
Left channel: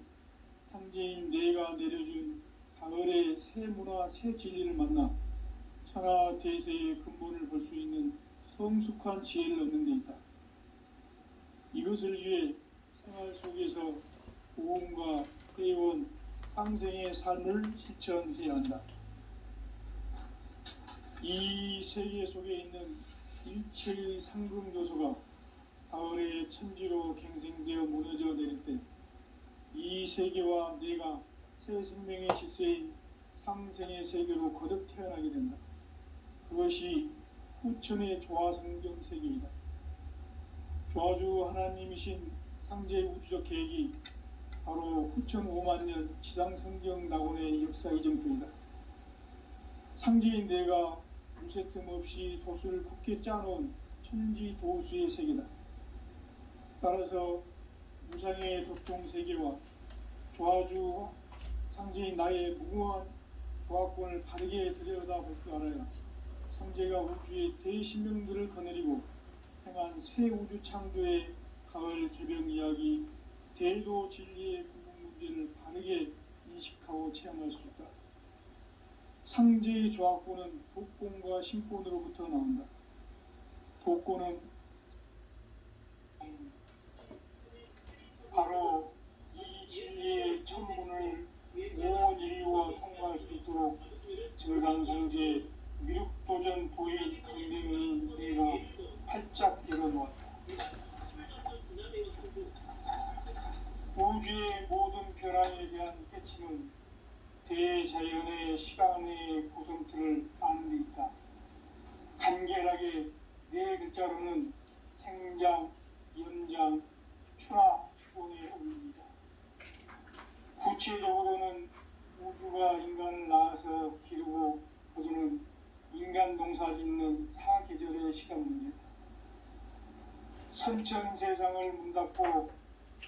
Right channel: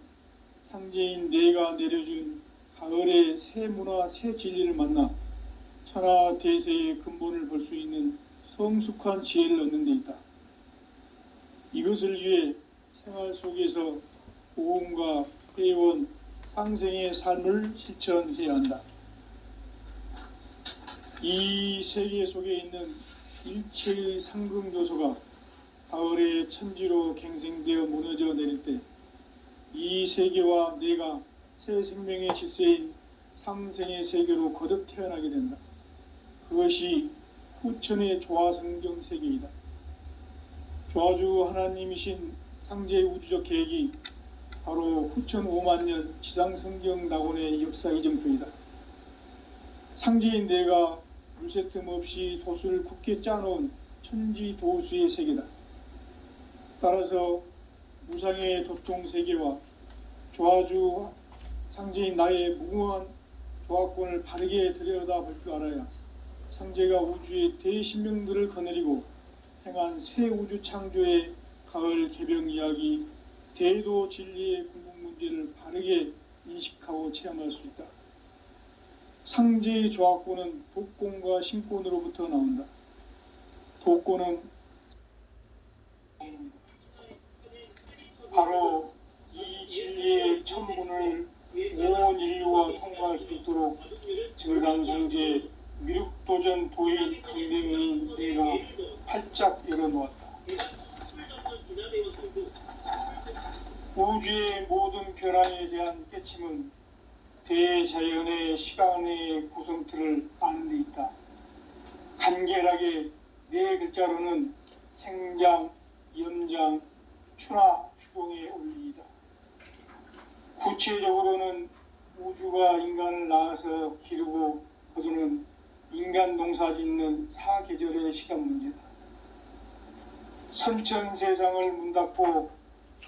상제인 내가 내려준 가을의 새 문화, 새 진리를 만나 천하 대세의 근본을 볼 수 있는 성숙한 지혜를 얻는 데 있다. 이것을 위해 생활 속에서 보험과 회원, 상생의 삶을 실천해야 한다. 이 세계 속에 있는 일체의 상금 요소가 가을의 천지로 갱생되어 무너져 내릴 때 이 세계와 내가 새 생명의 질서인 상생의 세계로 거듭 태어나게 된다. 그것이 후천의 조화성경 세계이다. 조화주 하나님이신 상제의 우주적 계획이 바로 후천 5만 년 지상성경 낙원의 역사 이정표이다. 상제인 내가 물새 틈 없이 돛을 굳게 짜놓은 천지도수의 세계다. 따라서 무상의 도통 세계와 조화주 상제인 나의 무궁한 조화권을 바르게 들여다볼 줄 알아야 상제가 우주의 대신명들을 거느리고 행한 새 우주 창조의 가을 개병 이야기, 대도 진리의 궁극 문제를 바르게 인식하고 체험할 수 있다. 상제의 조화권은 독권과 신권으로부터 나온다. 독권은 바로 이 진리의 천문을 온 인류가 통과할 수 있도록 증산성제 미륵도전 도인 강대문인 내가 활짝 열어놓았다. 우주의 모든 변화에 대한 깨침은 대자연의 시간의 구성틀을 아는 데 있다. 간결하게 네 글자로는 생장, 연장, 추나 추동의 원리이다. 구체적으로는 우주가 인간을 낳아서 기르고 거두는 인간 농사 짓는 사계절의 시간 문제다. 선천 세상을 문닫고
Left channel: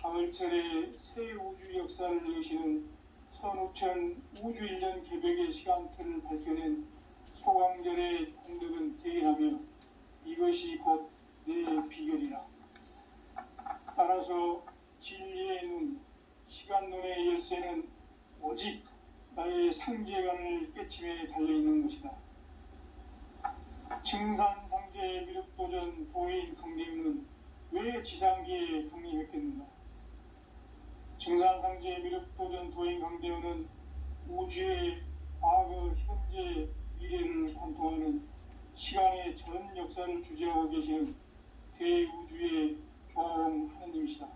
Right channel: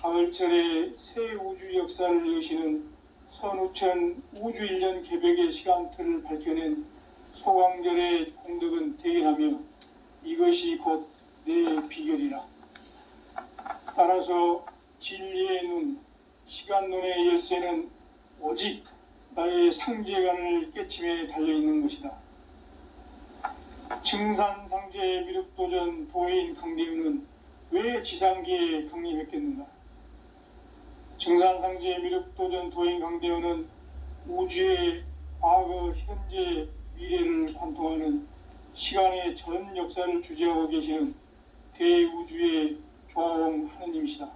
가을철에 새 우주 역사를 여시는 선우천 우주 1년 개벽의 시간틀을 밝혀낸 소강절의 공덕은 대견하며 이것이 곧 내 비결이라. 따라서 진리의 눈, 시간눈의 열쇠는 오직 나의 상제관을 깨침에 달려있는 것이다. 증산상제 미륵도전 도인 강대윤은 왜 지상기에 강림했겠는가? 증산상제 미륵도전 도인 강대윤은 우주의 과거, 현재, 미래를 관통하는 시간의 전 역사를 주재하고 계시는 대우주의 조화원 하느님이시다.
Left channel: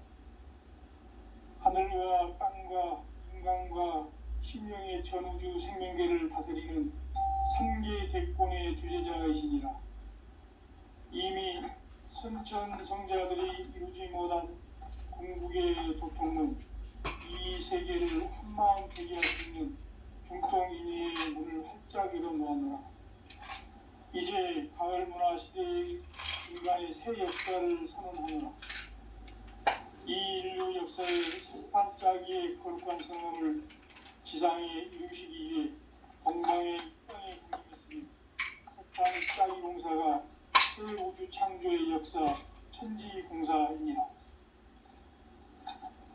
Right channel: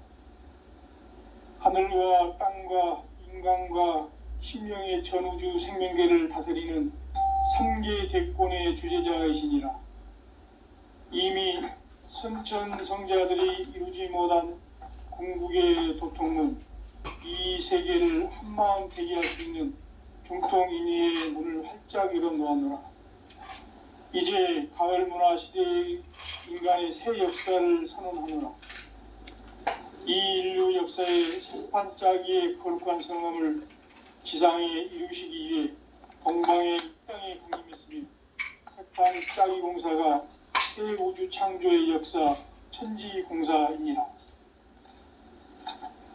하늘과 땅과 인간과 심령의 전우주 생명계를 다스리는 3계 대권의 주재자이시니라. 이미 선천성자들이 이루지 못한 궁극의 도통문, 이 세계를 한마음 대기할 수 있는 중통인의의 문을 활짝 열어놓았노라. 이제 가을 문화 시대의 인간의 새 역사를 선언하노라. 이 인류 역사의 새판짜기의 거룩한 성함을 지상에 이루시기 위해 동방의 땅에 강림했으니 새판짜기 공사가 새 우주 창조의 역사 천지공사이니라.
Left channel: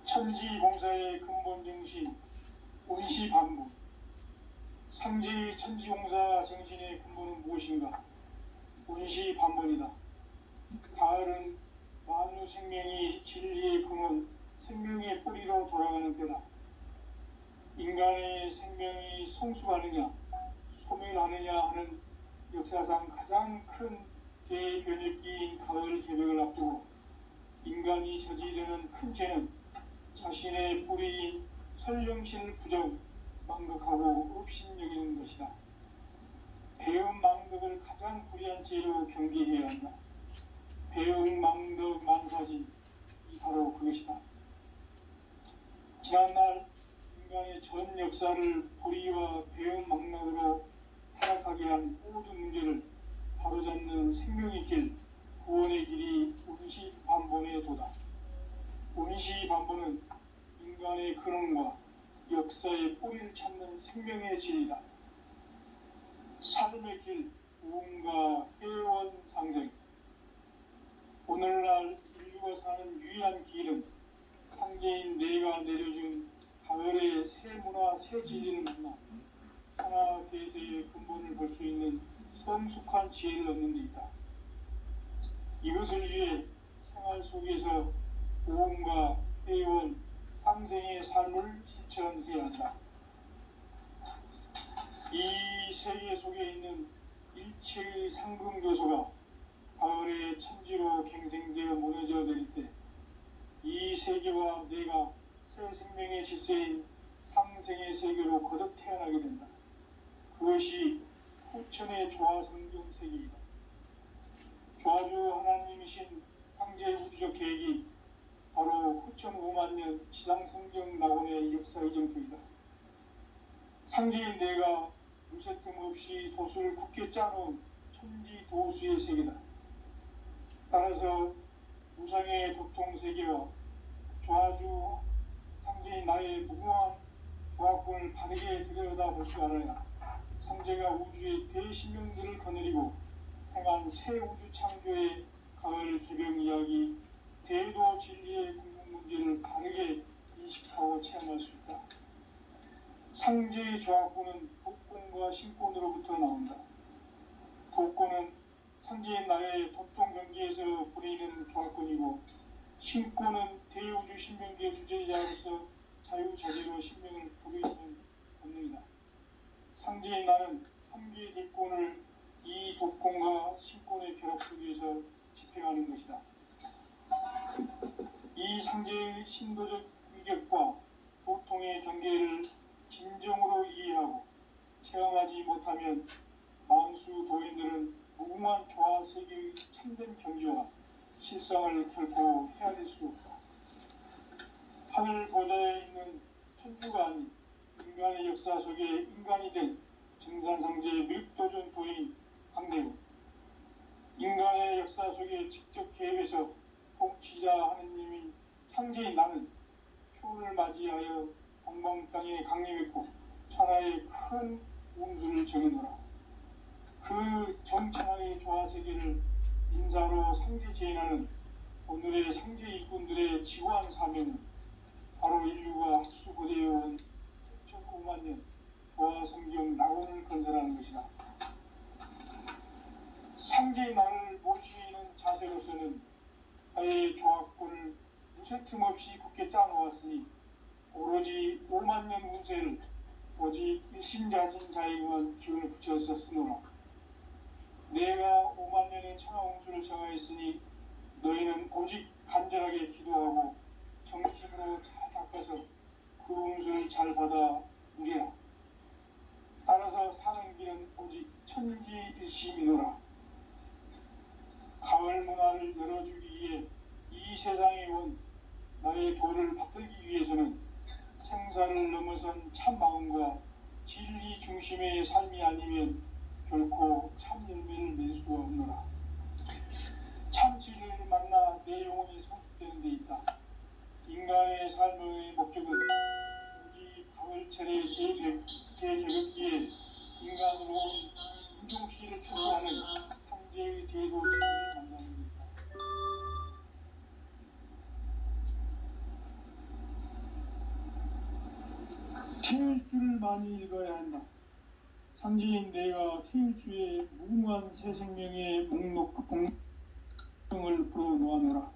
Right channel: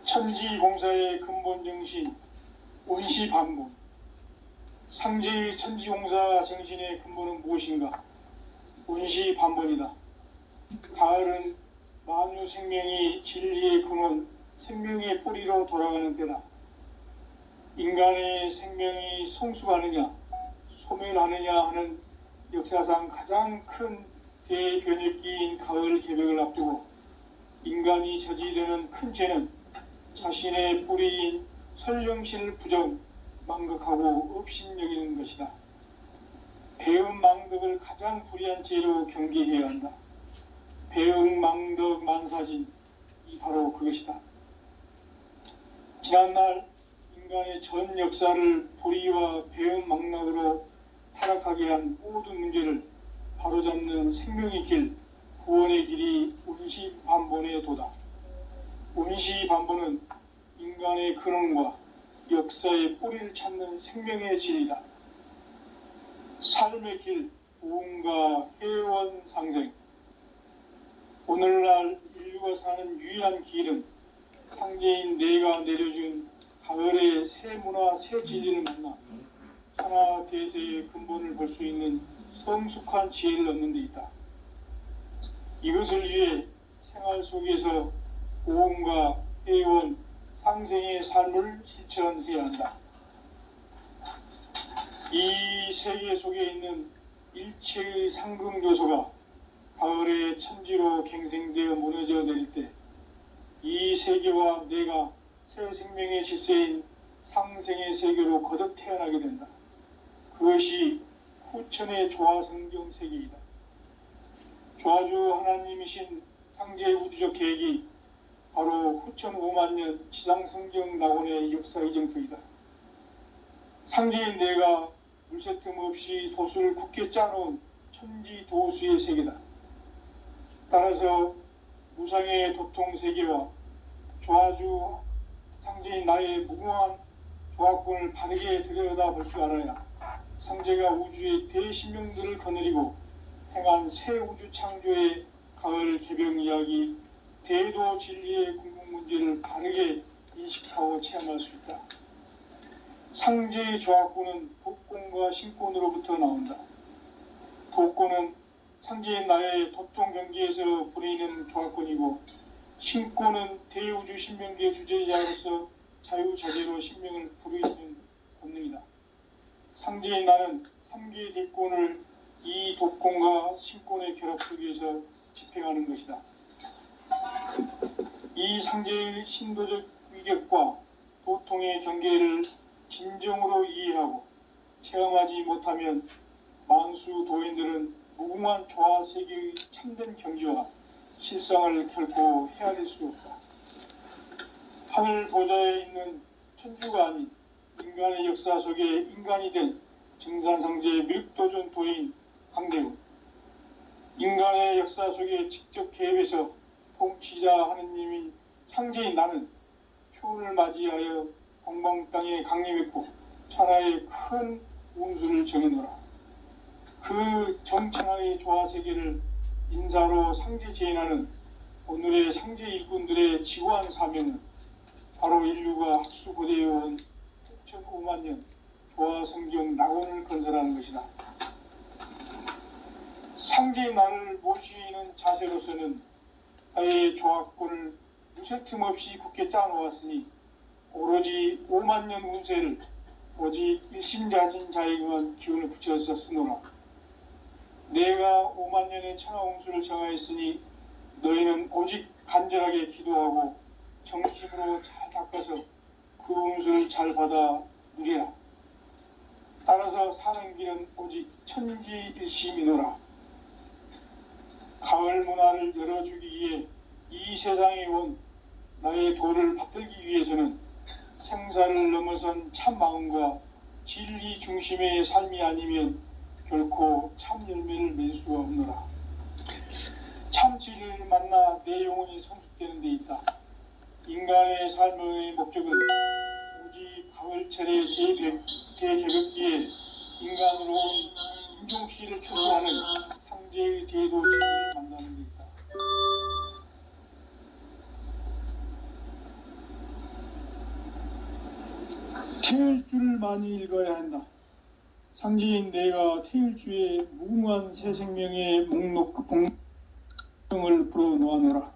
천지공사의 근본 정신 원시반본. 상제의 천지공사 정신의 근본은 무엇인가? 원시반본이다. 가을은 만유 생명이 진리의 근원, 생명의 뿌리로 돌아가는 때다. 인간의 생명이 성숙하느냐, 소멸하느냐 하는 역사상 가장 큰 대변혁기인 가을 개벽을 앞두고 인간이 저지르는 큰 죄는 자신의 뿌리인 설령신을 부정, 망극하고 업신여기는 것이다. 배움 망덕을 가장 불의한 죄로 경계해야 한다. 배움 망덕 만사진, 이 바로 그것이다. 지난날 인간의 전 역사를 불의와 배움 망락으로 타락하게 한 모든 문제를 바로잡는 생명의 길, 구원의 길이 운시반본의 도다. 운시반본은 인간의 근원과 역사의 뿌리를 찾는 생명의 진리다. 삶의 길, 우음과 회원 상생. 오늘날 인류가 사는 유일한 길은 상제인 내가 내려준 가을의 새 문화, 새 진리를 만나 천하 대세의 근본을 볼 수 있는 성숙한 지혜를 얻는 데 있다. 이것을 위해 생활 속에서 우음과 회원, 상생의 삶을 실천해야 한다. 이 세계 속에 있는 일체의 상금 요소가 가을의 천지로 갱생되어 무너져 내릴 때 이 세계와 내가 새 생명의 질서인 상생의 세계로 거듭 태어나게 된다. 그것이 후천의 조화성경 세계이다. 조화주 하나님이신 상제 우주적 계획이 바로 후천 5만 년 지상성경 낙원의 역사 이정표이다. 상제인 내가 물새 틈 없이 돛을 굳게 짜놓은 천지 도수의 세계다. 따라서 무상의 도통 세계와 조화주 상제인 나의 무궁한 조합권을 바르게 들여다볼 줄 알아야 상제가 우주의 대신명들을 거느리고 행한 새 우주 창조의 가을 개병 이야기, 대도 진리의 궁극 문제를 바르게 인식하고 체험할 수 있다. 상제의 조합권은 독권과 신권으로부터 나온다. 독권은 상제인 나의 도통 경계에서 부리는 조합권이고, 신권은 대우주 신명계의 주제자로서 자유자재로 신명을 부르짖는 본능이다. 상제인 나는 3개의 대권을 이 독권과 신권의 결합 속에서 집행하는 것이다. 이 상제의 신도적 위격과 도통의 경계를 진정으로 이해하고 체험하지 못하면 만수 도인들은 무궁한 조화 세계의 참된 경지와 실상을 결코 헤아릴 수 없다. 하늘 보좌에 있는 천주가 아닌 인간의 역사 속에 인간이 된 증산상제의 밀도전 도인 강대우, 인간의 역사 속에 직접 개입해서 통치자 하느님인 상제인 나는 초를 맞이하여 동방 땅에 강림했고 천하의 큰 운수를 정해놓으라. 그 정천하의 조화 세계를 인사로 상제 제인하는 오늘의 상제 일꾼들의 지구한 사명은 바로 인류가 학수고대해온 6,500만 년 조화 성경 낙원을 건설하는 것이다. 상제의 나를 모시는 자세로서는 나의 조합권을 무쇠 틈 없이 굳게 짜놓았으니 오로지 5만 년 운세를 오직 일심자진 자에게만 기운을 붙여서 쓰노라. 내가 5만 년의 천하 운수를 정하였으니 너희는 오직 간절하게 기도하고 정심으로 잘 닦아서 그 운수를 잘 받아 누리라. 따라서 사는 길은 오직 천지일심이노라. 가을 문화를 열어주기 위해 이 세상에 온 나의 도를 받들기 위해서는 생사를 넘어선 참 마음과 진리 중심의 삶이 아니면 결코 참 열매를 맺을 수가 없노라. 참 진리를 만나 내 영혼이 성숙되는 데 있다. 인간의 삶의 목적은 오직 가을철의 대개벽기에 인간으로 온 인종시를 추구하는 상제의 대도 진리를 만나는 데 있다. 태일주를 많이 읽어야 한다. 상제인 내가 태일주의 무궁한 새 생명의 봉을 불어놓아노라.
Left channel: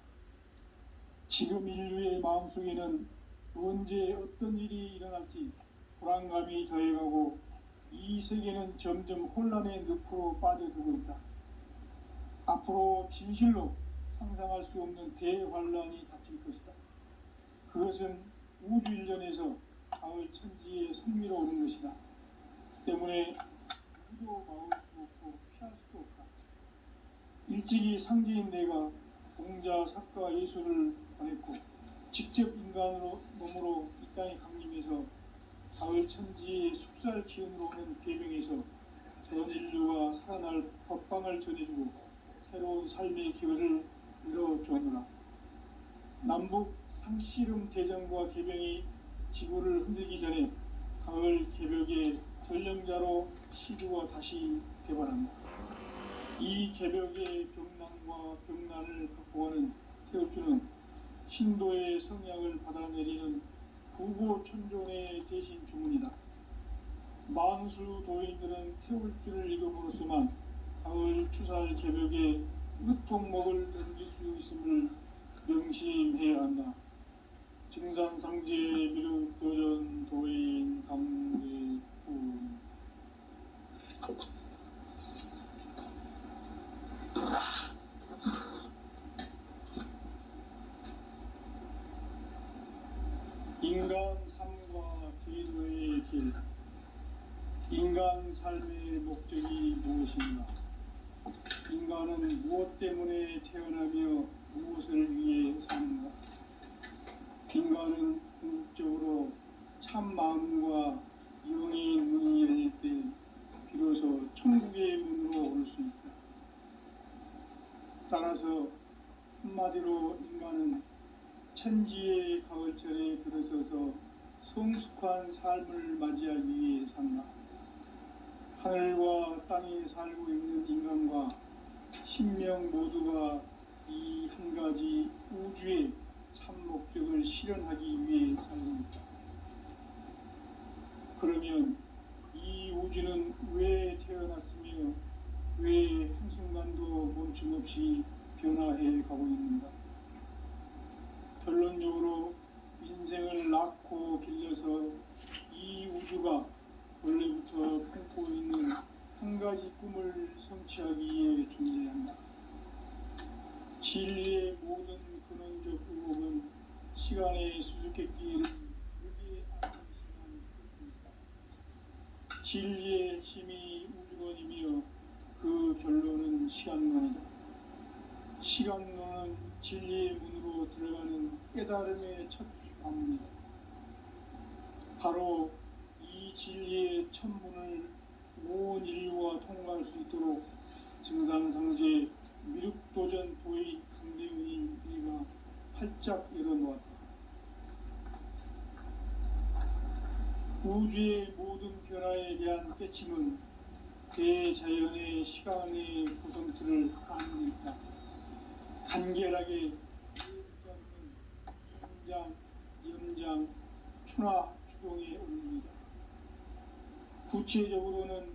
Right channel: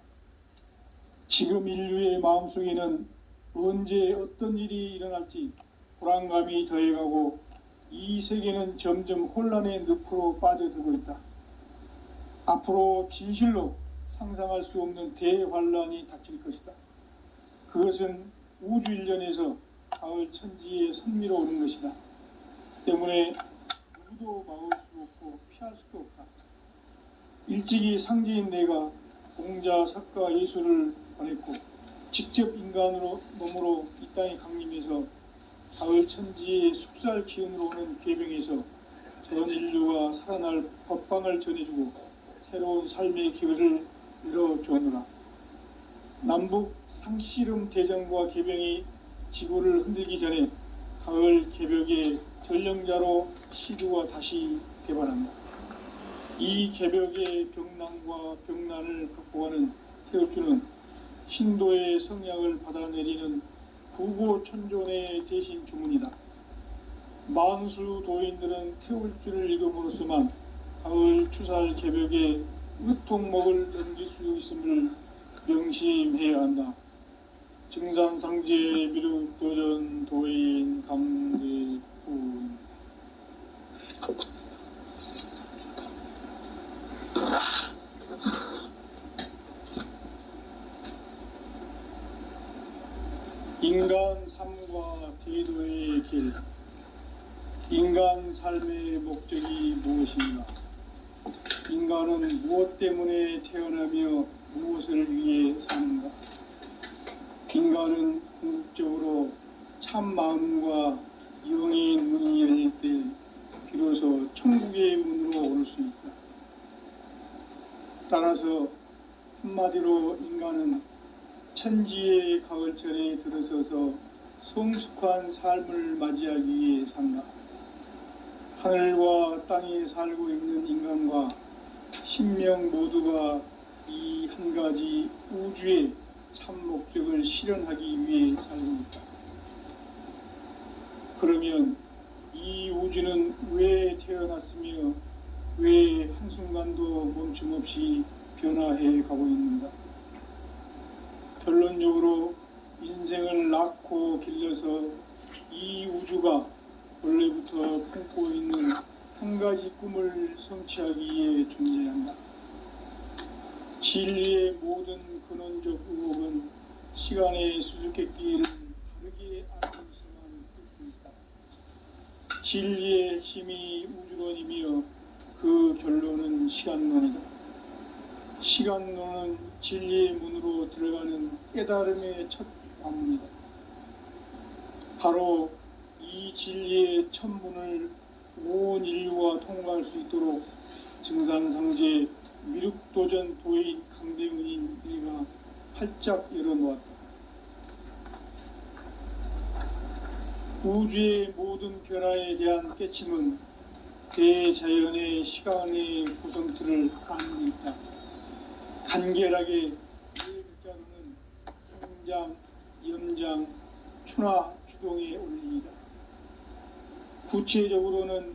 지금 인류의 마음속에는 언제 어떤 일이 일어날지 불안감이 더해가고 이 세계는 점점 혼란의 늪으로 빠져들고 있다. 앞으로 진실로 상상할 수 없는 대환란이 닥칠 것이다. 그것은 우주 일련에서 가을 천지에 선미로 오는 것이다. 때문에 누구도 막을 수 없고 피할 수도 없다. 일찍이 상제인 내가 공자, 석가, 예수를 보냈고 직접 인간으로 몸으로 이 땅에 강림해서 가을 천지의 숲살 기운으로 오는 계명에서 전 인류가 살아날 법방을 전해주고 새로운 삶의 기회를 열어주오노라. 남북 상씨름 대전과 계병이 지구를 흔들기 전에 가을 개벽의 전령자로 시두가 다시 개발한다. 이 개벽의 병난과 병난을 극복하는 태울주는 신도의 성약을 받아내리는 부고천존의 대신 주문이다. 만수 도인들은 태울주를 읽음으로써만 가을 추살 개벽의 으통목을 넘길 수 있음을 명심해야 한다. 증산상제 미륵도전 도인 강대훈. 인간 삶과 대도의 길. 인간 삶의 목적이 무엇인가? 인간은 무엇 때문에 태어나며 무엇을 위해 사는가? 인간은 궁극적으로 참 마음과 영의 문이 열릴 때 한마디로 인간은 천지의 가을철에 들어서서 성숙한 삶을 맞이하기 위해 산다. 하늘과 땅에 살고 있는 인간과 신명 모두가 이 한 가지 우주의 참 목적을 실현하기 위해 살고 있다. 그러면 이 우주는 왜 태어났으며 왜 한순간도 멈춤없이 변화해 가고 있는가? 결론적으로 인생을 낳고 길러서 이 우주가 원래부터 품고 있는 한 가지 꿈을 성취하기 위해 존재한다. 진리의 모든 근원적 의혹은 시간의 수수께끼를 다르게 알기시만 있다. 진리의 핵심이 우주론이며 그 결론은 시간론이다. 시간론은 진리의 문으로 들어가는 깨달음의 첫 방문이다. 바로 이 진리의 첫 문을 온 인류가 통과할 수 있도록 증산성제 미륵도전 도인 강대훈인 내가 활짝 열어놓았다. 우주의 모든 변화에 대한 깨침은 대자연의 시간의 구성틀을 안고 있다. 간결하게 네 글자로는 성장, 염장, 추나 추동의 원리이다. 구체적으로는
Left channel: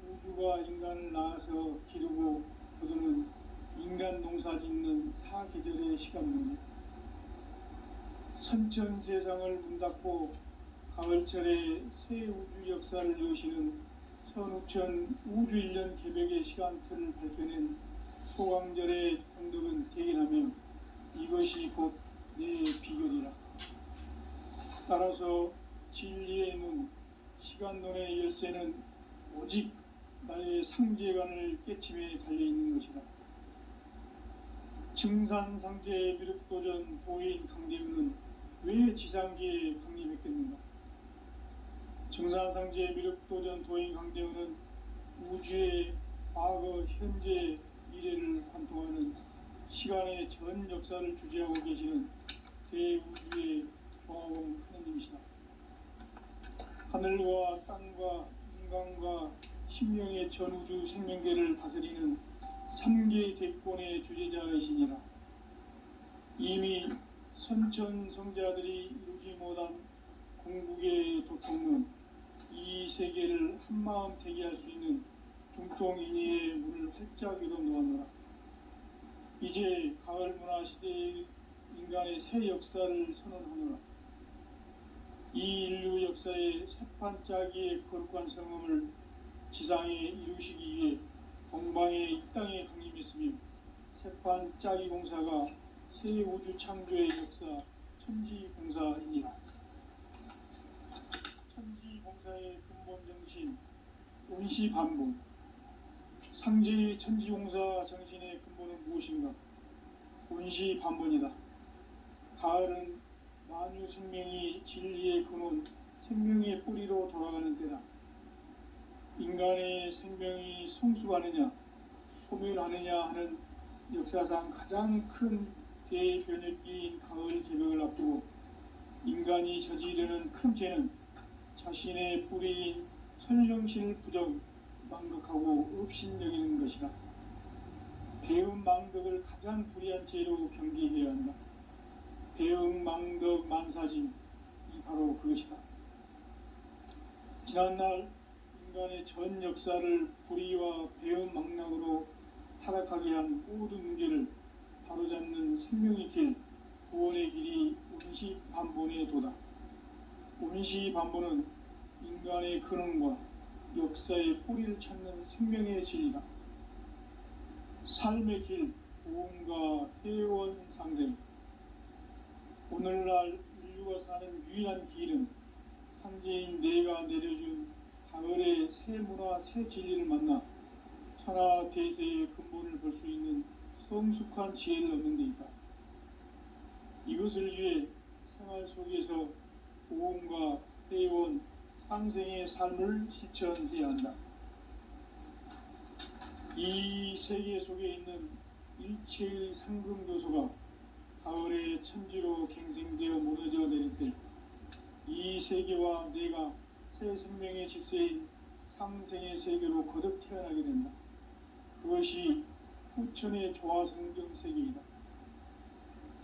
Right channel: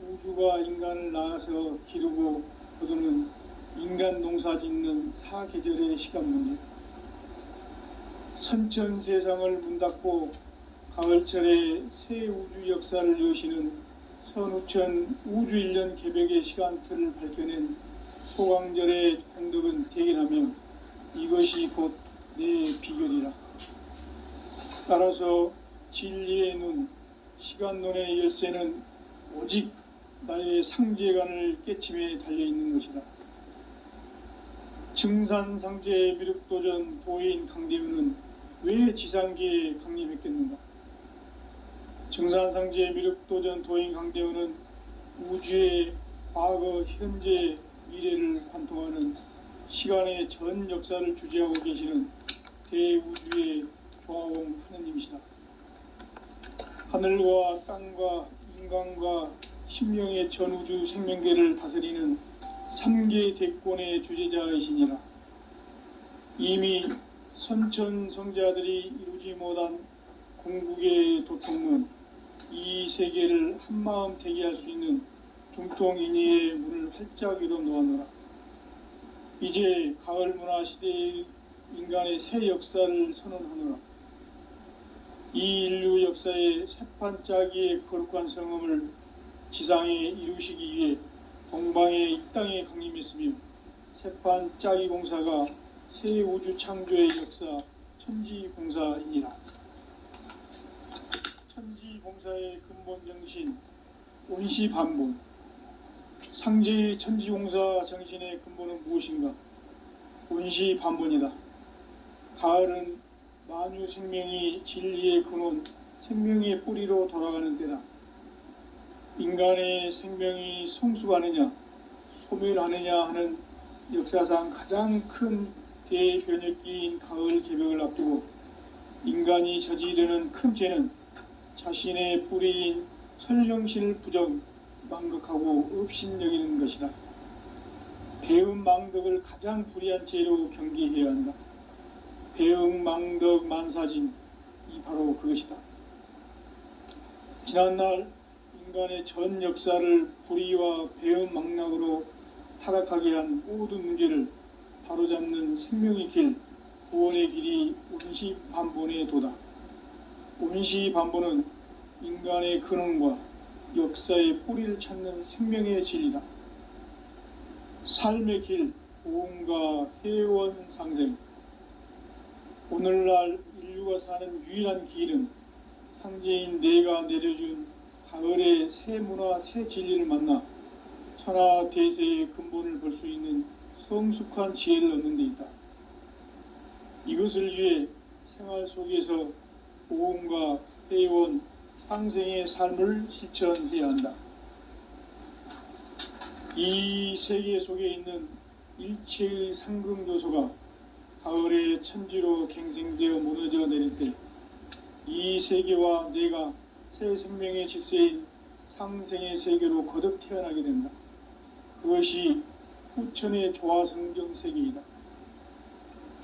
우주가 인간을 낳아서 기르고 거두는 인간 농사 짓는 사계절의 시간 문제, 선천 세상을 문 닫고 가을철에 새 우주 역사를 여시는 선우천 우주 1년 개벽의 시간틀을 밝혀낸 소강절의 공덕은 대견하며 이것이 곧 내 비결이라. 따라서 진리의 눈, 시간론의 열쇠는 오직 나의 상제관을 깨침에 달려있는 것이다. 증산상제 미륵도전 도인 강대훈은 왜 지상계에 강림했겠는가? 증산상제 미륵도전 도인 강대훈은 우주의 과거, 현재, 미래를 관통하는 시간의 전 역사를 주재하고 계시는 대우주의 조화원 하느님이시다. 하늘과 땅과 인간과 신명의 전우주 생명계를 다스리는 3계 대권의 주재자이시니라. 이미 선천성자들이 이루지 못한 궁극의 도통은 이 세계를 한마음 대기할 수 있는 중통인의의 문을 활짝 열어 놓았노라. 이제 가을 문화 시대의 인간의 새 역사를 선언하노라. 이 인류 역사의 새판짜기의 거룩한 성음을 지상에 이루시기 위해 동방의 이 땅에 강림했으며 새판짜기 공사가 새 우주 창조의 역사 천지공사이니라. 천지공사의 근본 정신 온시반본, 상제의 천지공사 정신의 근본은 무엇인가? 온시반본이다. 가을은 만유 생명이 진리의 근원, 생명의 뿌리로 돌아가는 때다. 인간의 생명이 성숙하느냐, 소멸하느냐 하는 역사상 가장 큰 대변혁기인 가을 개벽을 앞두고 인간이 저지르는 큰 죄는 자신의 뿌리인 설령신을 부정, 망극하고 업신여기는 것이다. 배음 망덕을 가장 불의한 죄로 경계해야 한다. 배음 망덕 만사진, 이 바로 그것이다. 지난날 인간의 전 역사를 불의와 배음 망락으로 타락하게 한 모든 문제를 바로잡는 생명의 길, 구원의 길이 온시반본의 도다. 온시반본은 인간의 근원과 역사의 뿌리를 찾는 생명의 진리다. 삶의 길, 보험과 회원 상생. 오늘날 인류가 사는 유일한 길은 상제인 내가 내려준 가을의 새 문화, 새 진리를 만나 천하 대세의 근본을 볼 수 있는 성숙한 지혜를 얻는 데 있다. 이것을 위해 생활 속에서 보험과 회원, 상생의 삶을 실천해야 한다. 이 세계 속에 있는 일체의 상금 요소가 가을의 천지로 갱생되어 무너져 내릴 때 이 세계와 내가 새 생명의 질서인 상생의 세계로 거듭 태어나게 된다. 그것이 후천의 조화성경 세계이다.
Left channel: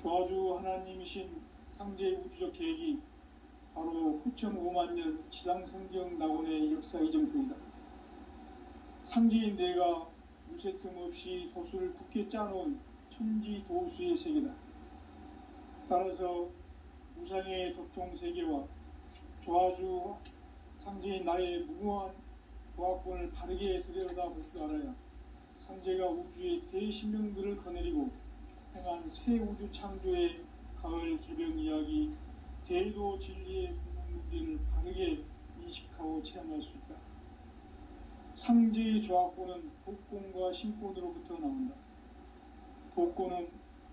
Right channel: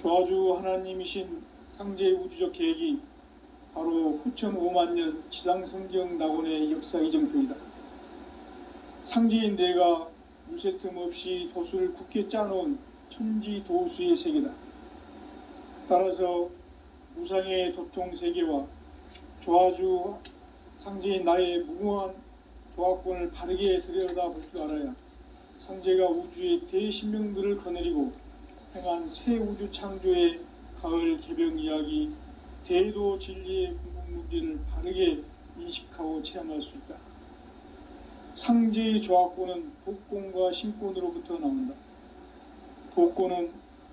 조화주 하나님이신 상제의 우주적 계획이 바로 후천 5만년 지상성경 낙원의 역사 이정표이다. 상제인 내가 무쇠틈 없이 도수를 굳게 짜놓은 천지도수의 세계다. 따라서 무상의 도통 세계와 조화주 상제인 나의 무궁한 조화권을 바르게 들여다볼 줄 알아야 상제가 우주의 대신명들을 거느리고 행한 새 우주 창조의 가을 개병 이야기, 대도 진리의 궁극 문제를 바르게 인식하고 체험할 수 있다. 상제의 조화권은 독권과 신권으로부터 나온다. 독권은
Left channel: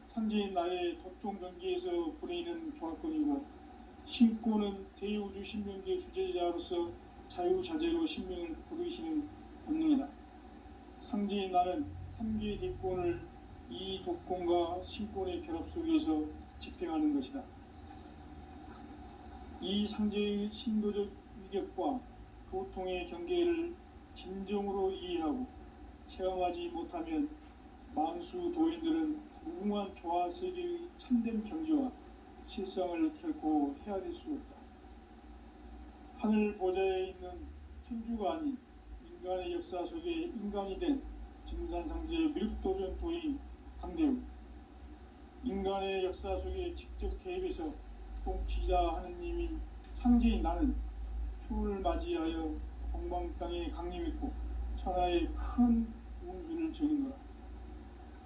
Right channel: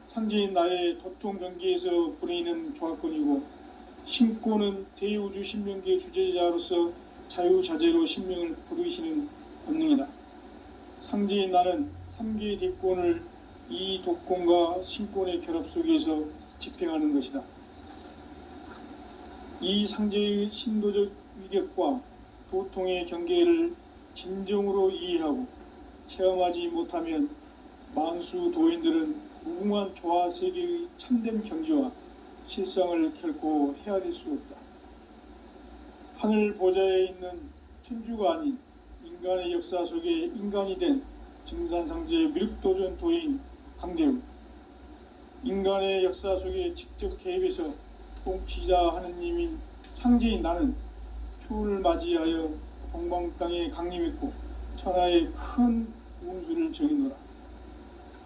상제인 나의 도통 경계에서 부리는 조화권이고, 신권은 대우주 신명계 주제자로서 자유자재로 신명을 부르시는 본능이다. 상제인 나는 3개의 뒷권을 이 독권과 신권의 결합 속에서 집행하는 것이다. 이 상제의 신도적 위격과 도통의 경계를 진정으로 이해하고 체험하지 못하면 만수 도인들은 무궁한 조화세계의 참된 경지와 실상을 결코 헤아릴 수 없다. 하늘 보좌에 있는 천주가 아닌 인간의 역사 속에 인간이 된 증산상제의 미륵도전 도인 강대우, 인간의 역사 속에 직접 개입해서 통치자 하느님인 상제인 나는 추운을 맞이하여 동방 땅에 강림했고 천하의 큰 운수를 정의노라.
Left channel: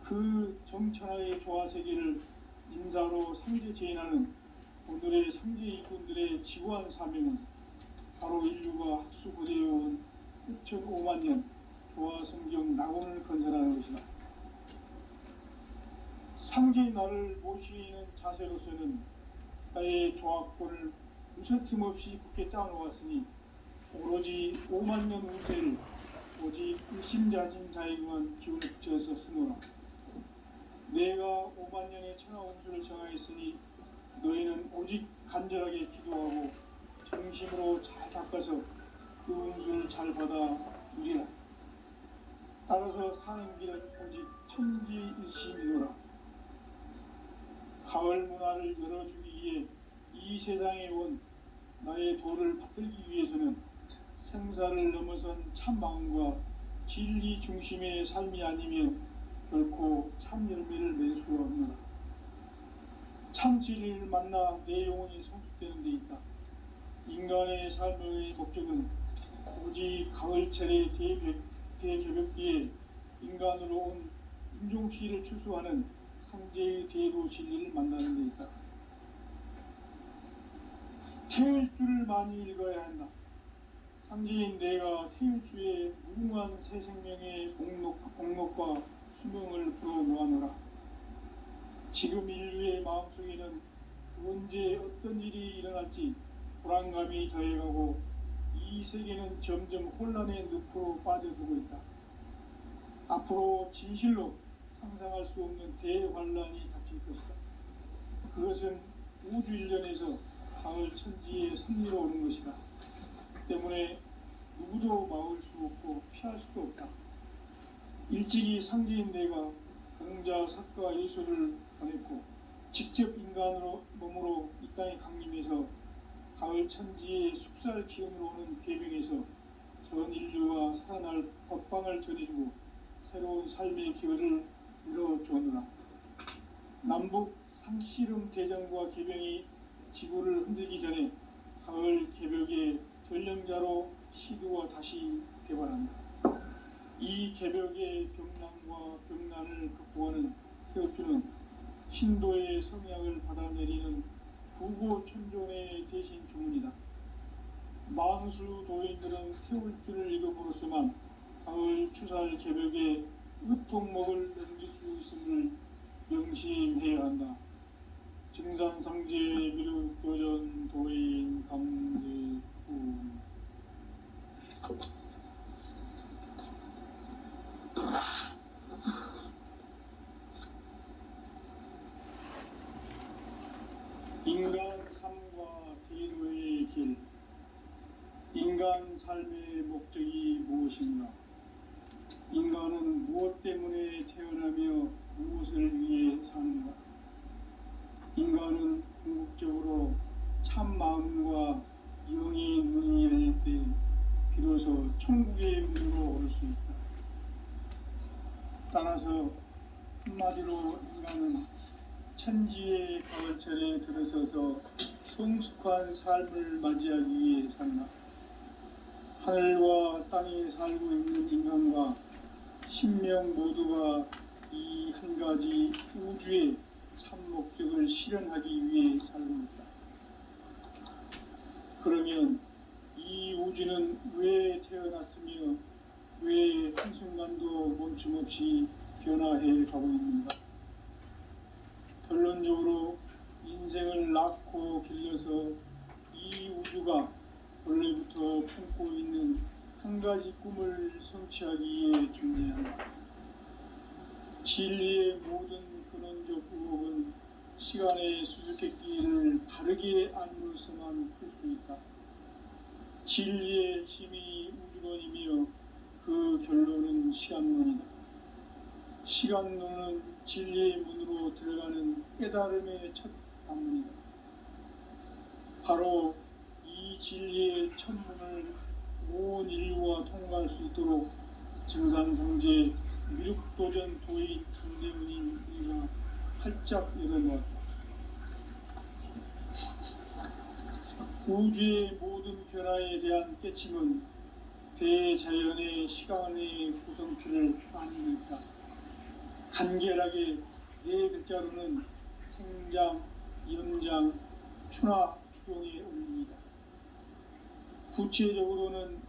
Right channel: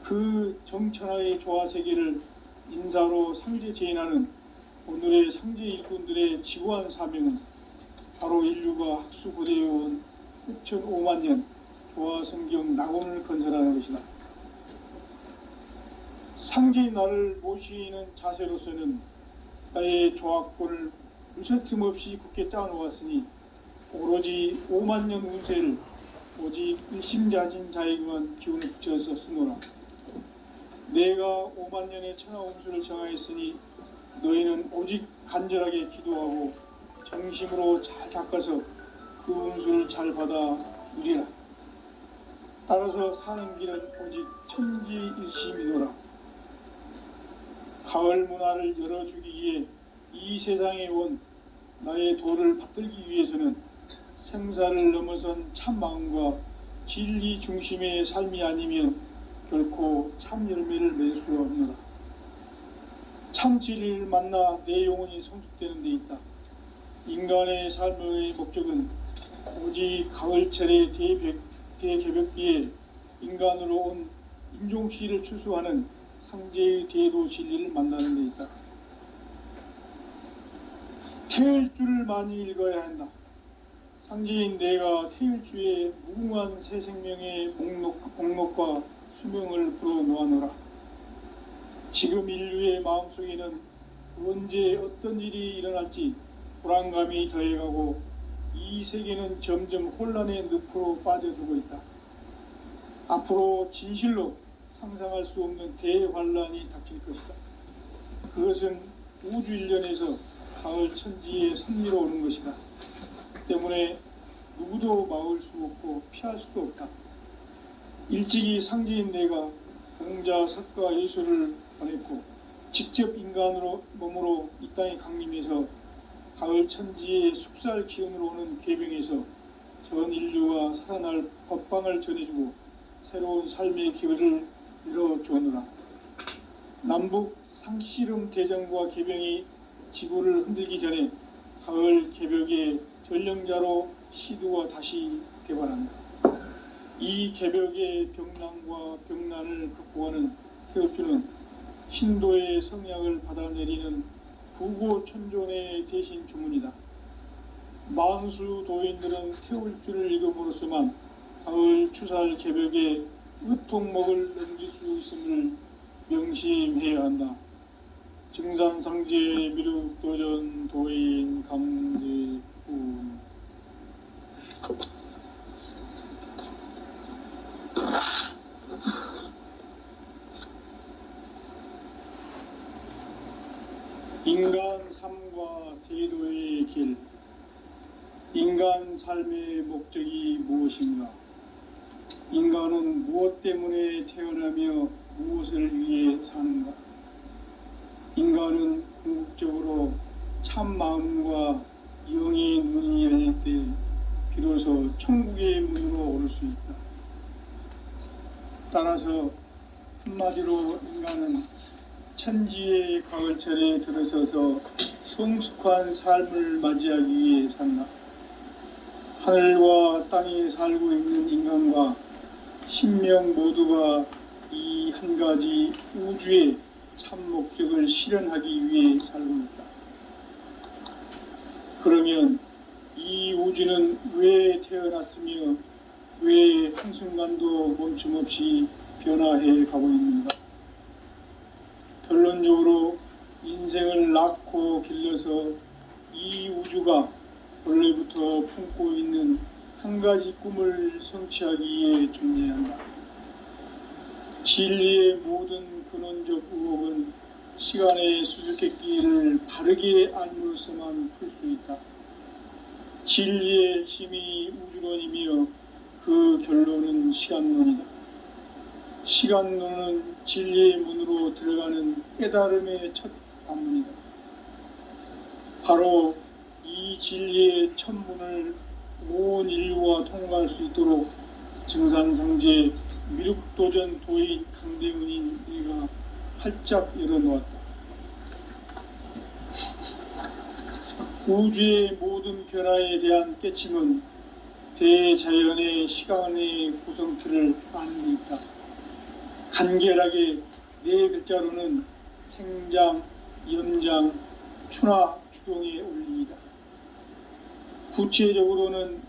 그 정천하의 조화세계를 인사로 상제 제인하는 오늘의 상제 일꾼들의 지구한 사명은 바로 인류가 학수고대해온 6,500년 조화성경 낙원을 건설하는 것이다. 상제인 나를 모시는 자세로서는 나의 조화권을 무쇠틈 없이 굳게 짜놓았으니 오로지 5만년 운세를 오직 일심자진 자에게만 기운을 붙여서 쓰노라. 내가 5만년의 천하 운수를 정하였으니 너희는 오직 간절하게 기도하고 정심으로 잘 닦아서 그 운수를 잘 받아 누리라. 따라서 사는 길은 오직 천지일심이노라. 가을 문화를 열어주기 위해 이 세상에 온 나의 도를 받들기 위해서는 생사를 넘어선 참 마음과 진리 중심의 삶이 아니면 결코 참 열매를 맺을 수 없노라. 참 진리를 만나 내 영혼이 성숙되는 데 있다. 인간의 삶의 목적은 오직 가을철의 대개벽기에 인간으로 온 인종시를 추수하는 상제의 대도 진리를 만나는 데 있다. 태일주를 많이 읽어야 한다. 상제인 내가 태일주의 무궁한 새 생명의 목록과 수명을 불어놓아노라. 지금 인류의 마음속에는 언제 어떤 일이 일어날지 불안감이 더해가고 이 세계는 점점 혼란의 늪으로 빠져들고 있다. 앞으로 진실로 상상할 수 없는 대환란이 닥칠 것이다. 그것은 우주 일련에서 가을 천지에 선미로 오는 것이다. 때문에 누구도 막을 수 없고 피할 수도 없다. 일찍이 상제인 내가 공자, 석가, 예수를 보냈고 직접 인간으로 몸으로 이 땅에 강림해서 가을 천지의 숲살 기운으로 오는 궤병에서 전 인류가 살아날 법방을 전해주고 새로운 삶의 기회를 열어주느라. 남북 상씨름 대전과 개병이 지구를 흔들기 전에 가을 개벽의 전령자로 시두가 다시 개발한다. 이 개벽의 병난과 병난을 극복하는 태엽주는 신도의 성약을 받아내리는 부고천존의 대신 주문이다. 만수 도인들은 태울주를 읽음으로써만 가을 추살 개벽의 의통목을 넘길 수 있음을 명심해야 한다. 증산상제 미륵도전 도인 강제우. 인간 삶의 목적이 무엇인가? 인간은 무엇 때문에 태어나며 무엇을 위해 사는가? 인간은 궁극적으로 참 마음과 영의 문이 열릴 때 비로소 천국의 문으로 오를 수 있다. 따라서 한마디로 인간은 천지의 가을철에 들어서서 성숙한 삶을 맞이하기 위해 산다. 하늘과 땅에 살고 있는 인간과 신명 모두가 이 한 가지 우주의 참 목적을 실현하기 위해 살고 있다. 그러면 이 우주는 왜 태어났으며 왜 한순간도 멈춤 없이 변화해 가고 있는가? 결론적으로 인생을 낳고 길러서 이 우주가 원래부터 품고 있는 한 가지 꿈을 성취하기 위해 존재한다. 진리의 모든 근원적 의혹은 시간의 수수께끼를 바르게 알므로서만 풀 수 있다. 진리의 핵심이 우주론이며 그 결론은 시간론이다. 시간론은 진리의 문으로 들어가는 깨달음의 첫 방문이다. 바로 이 진리의 첫 문을 온 인류가 통과할 수 있도록 증산성제 미륵도전 도인 강대훈인 이가 활짝 열어놓았다. 우주의 모든 변화에 대한 깨침은 대자연의 시간의 구성틀을 아는 데 있다. 간결하게 네 글자로는 생장, 연장, 추나 추동의 원리이다. 구체적으로는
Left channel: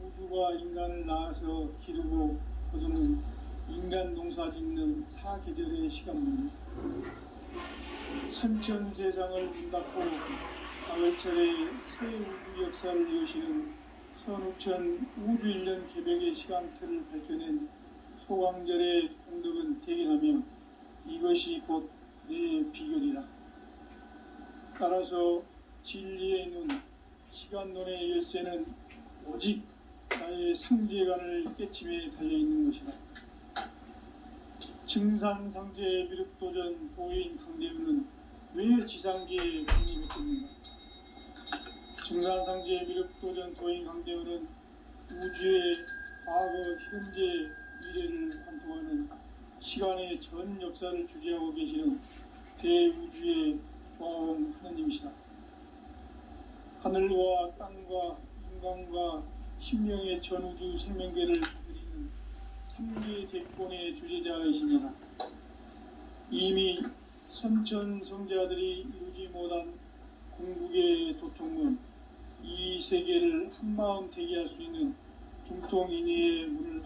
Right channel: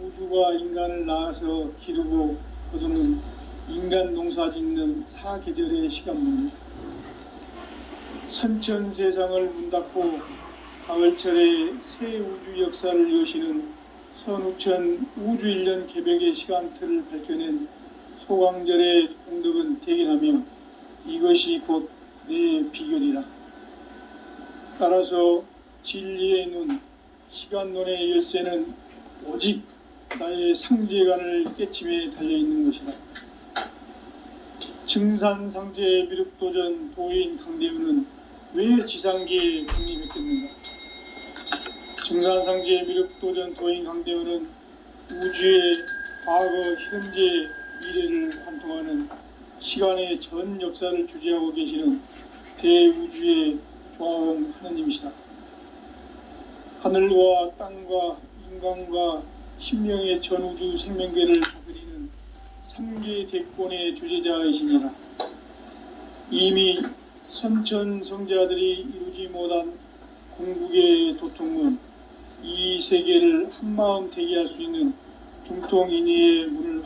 우주가 인간을 낳아서 기르고 거두는 인간 농사 짓는 사계절의 시간문이다. 선천 세상을 문 닫고 가을철에 새 우주 역사를 여시는 선우천 우주 1년 개벽의 시간틀을 밝혀낸 소강절의 공덕은 대견하며 이것이 곧 내 비결이라. 따라서 진리의 눈, 시간론의 열쇠는 오직 나의 상제관을 깨침에 달려있는 것이다. 증산상제 미륵도전 도인 강대훈은 왜 지상계에 국립했겠는가? 증산상제 미륵도전 도인 강대훈은 우주의 과거, 현재, 미래를 관통하는 시간의 전 역사를 주재하고 계시는 대우주의 조화원 하느님이시다. 하늘과 땅과 인간과 신명의 전우주 생명계를 다스리는 3계 대권의 주재자이시니라. 이미 선천성자들이 이루지 못한 궁극의 도통은 이 세계를 한마음 되게 할 수 있는 중통인의의 문을